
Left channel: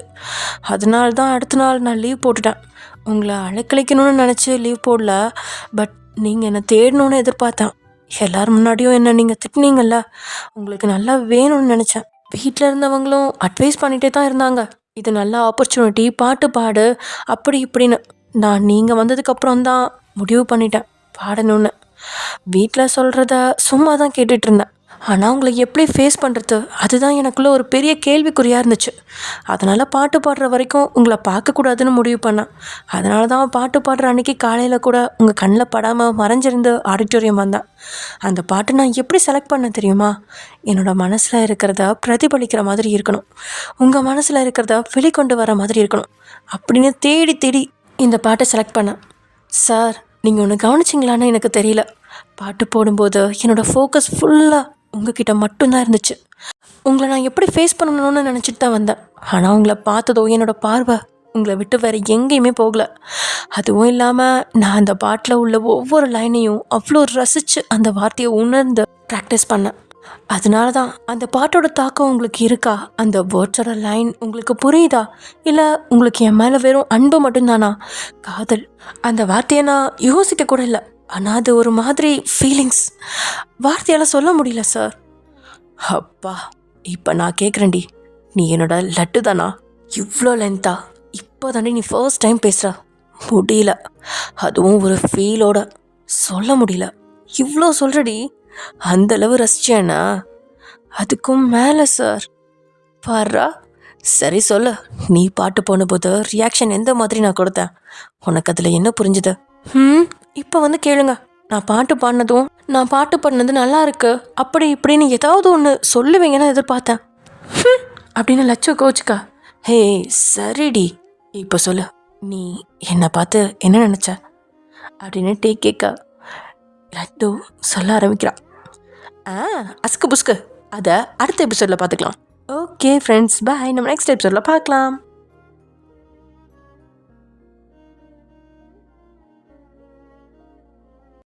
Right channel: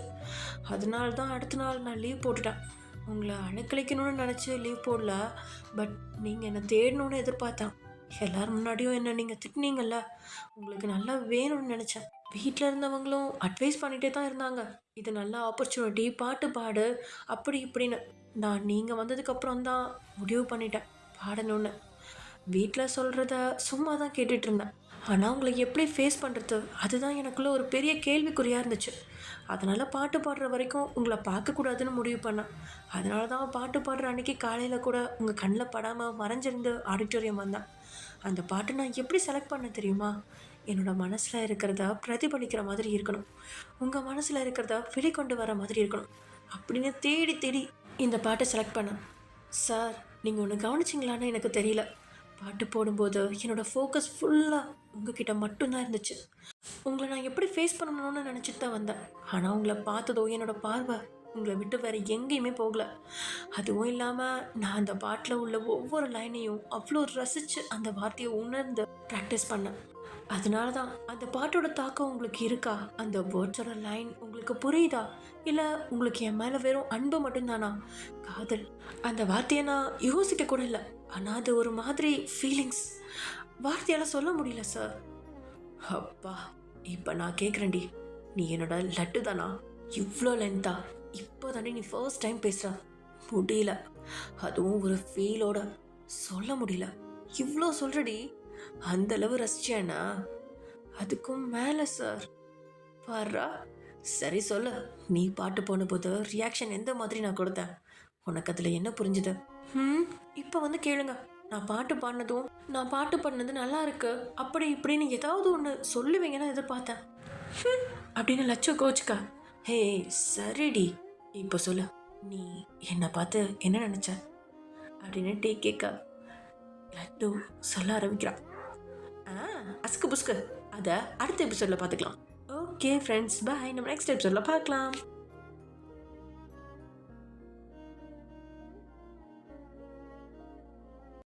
அதனால தான் அடுத்த நாள் நான் லீவ் போட்டுட்டேன். உங்களை அழைக்கழிக்கணும்னு நினச்சி லீவ் போடல, பட் நீங்கள் என்னை தேடணுன்னு எதிர்பார்த்தேன். எல்லோரும் முன்னாடியும் என்னை நீங்கள் திட்டினீங்கள்ல, உங்களுக்கு நல்லா வேணும்னு நினச்சேன். வீட்டில் இருந்தவங்களும் அட்வைஸ் பண்ணிகிட்டே தான் இருந்தாங்க, இது நல்ல ஆப்பர்ச்சுனிட்டி, பாட்டு பாடு அப்படி இப்படின்னு. நான் நீங்கள் வந்ததுக்கப்புறம் தான் முடிவு பண்ணிட்டேன் பாடணுன்னு. வீட்டில் சொல்கிறத சும்மா தான் கேட்டுட்ருந்தேன். ஆனால் உங்களை எப்படி ஃபேஸ் பண்ணுறது அதுதான் எனக்குள்ளே ஒரு பெரிய கேள்விக்குறியாக இருந்துச்சு. அதனால் பாட்டு பாடுற வரைக்கும் உங்களை பார்க்கக்கூடாதுன்னு முடிவு பண்ணேன். அதனால தான் பாட்டு பாடுற அன்றைக்கி காலையில் கூட உங்கள் கண்ணில் படாமல் மறைஞ்சிருந்து ஆடிட்டோரியம் வந்தேன். அந்த பாட்டு நான் எப்படி செலக்ட் பண்ண தெரியுமா? என்னோடய மனசில் இருக்கிறத பிரதிபலிக்கிற மாதிரி இருக்கணும், உங்கள் மனசில் இருக்கிறத வெளிக்கொண்டு வர மாதிரி இருக்கணும் அப்படின்னு தேடி தேடி இந்த பாட்டை செலக்ட் பண்ணேன். சார், நீங்கள் ஒன்று கவனிச்சிங்களான்னு எனக்கு தெரியல. பாட்டு போடும்போது என்னோடய ஃபோக்கஸ் ஃபுல்லாக உங்ககிட்ட மட்டும்தான் இருந்துச்சு. உங்களை நான் எப்படி ஃபேஸ் பண்ணணும்னு நினச்சிட்டு தான் வந்தேன். ஆனால் உங்களை பார்த்ததோ என்னோடய பார்வை உங்களை விட்டு வேறு எங்கேயுமே போகலை. அதுவும் இல்லாமல் நான் அந்த பாட்டில் உள்ள ஒவ்வொரு லைனையும் அவ்வளோ ரசித்து அந்த வார்த்தையை உணர்ந்து ப்ராக்டிஸ் பண்ணேன். அதனால தான் அந்த பாட்டோட தாக்கம் உங்களுக்கு இருக்கா? அந்த வேர்ட்ஸோட லைன் உங்களுக்கு புரியுதா? இல்லை உங்களுக்கு என் மேலே வெறும் அன்பு மட்டும்தானா? காதல் அந்த வார்த்தையை நான் யோசிக்க கூட இல்லை. ஆனால் அது ஒரு மாதிரி ஃபீலிங்ஸ், வார்த்தையால் சொல்ல முடியல சார். அப்பா, இப்போ நான் கேட்குறேன்டி, நீ என்னோட லட்டு தானா? இவ்வளோ லென்த்தா இப்போ தாண்டி நீ ஃபர்ஸ்ட் டைம் பேசுகிற. முடியல, அதுவும் ஒரு ஃபீலோட சொல்ல முடியல. இவ்வளோ சொல்கிறடி, அந்தளவு ரசிச்சேன்னா அதுக்கும் மேலே சார். பாரா, சரி சொல்லு, நீ பாட்டு போனபோது ரியாக்ஷன் எந்த மாதிரி நான் கொடுத்தேன்? உனக்கு அதில் என்ன புரிஞ்சுது? இப்போ வந்து கேளுங்க. நான் பாட்டு பாடினது நல்லா இருக்கு அப்படி இப்படின்னு ஏதாவது ஒன்று சொல்லுவீங்கன்னு எதிர்பார்த்தேன் அப்படின்னு லட்சம் கோச்சுக்கா. ஹே சரிடி, இப்போ சொல்லு, நீ என்னை பார்த்து என்ன நினச்ச அப்படின்னு டீ கேட்க லட்டு சொல்ல ஆரம்பிக்கிறான். அஸ்கு புஸ்கு அதை அடுத்த எபிசோடில் பார்த்துக்கலாம். ஓகே ஃப்ரெண்ட்ஸ், பாய். நம்ம நெக்ஸ்ட் எபிசோடில் பார்க்கலாம்.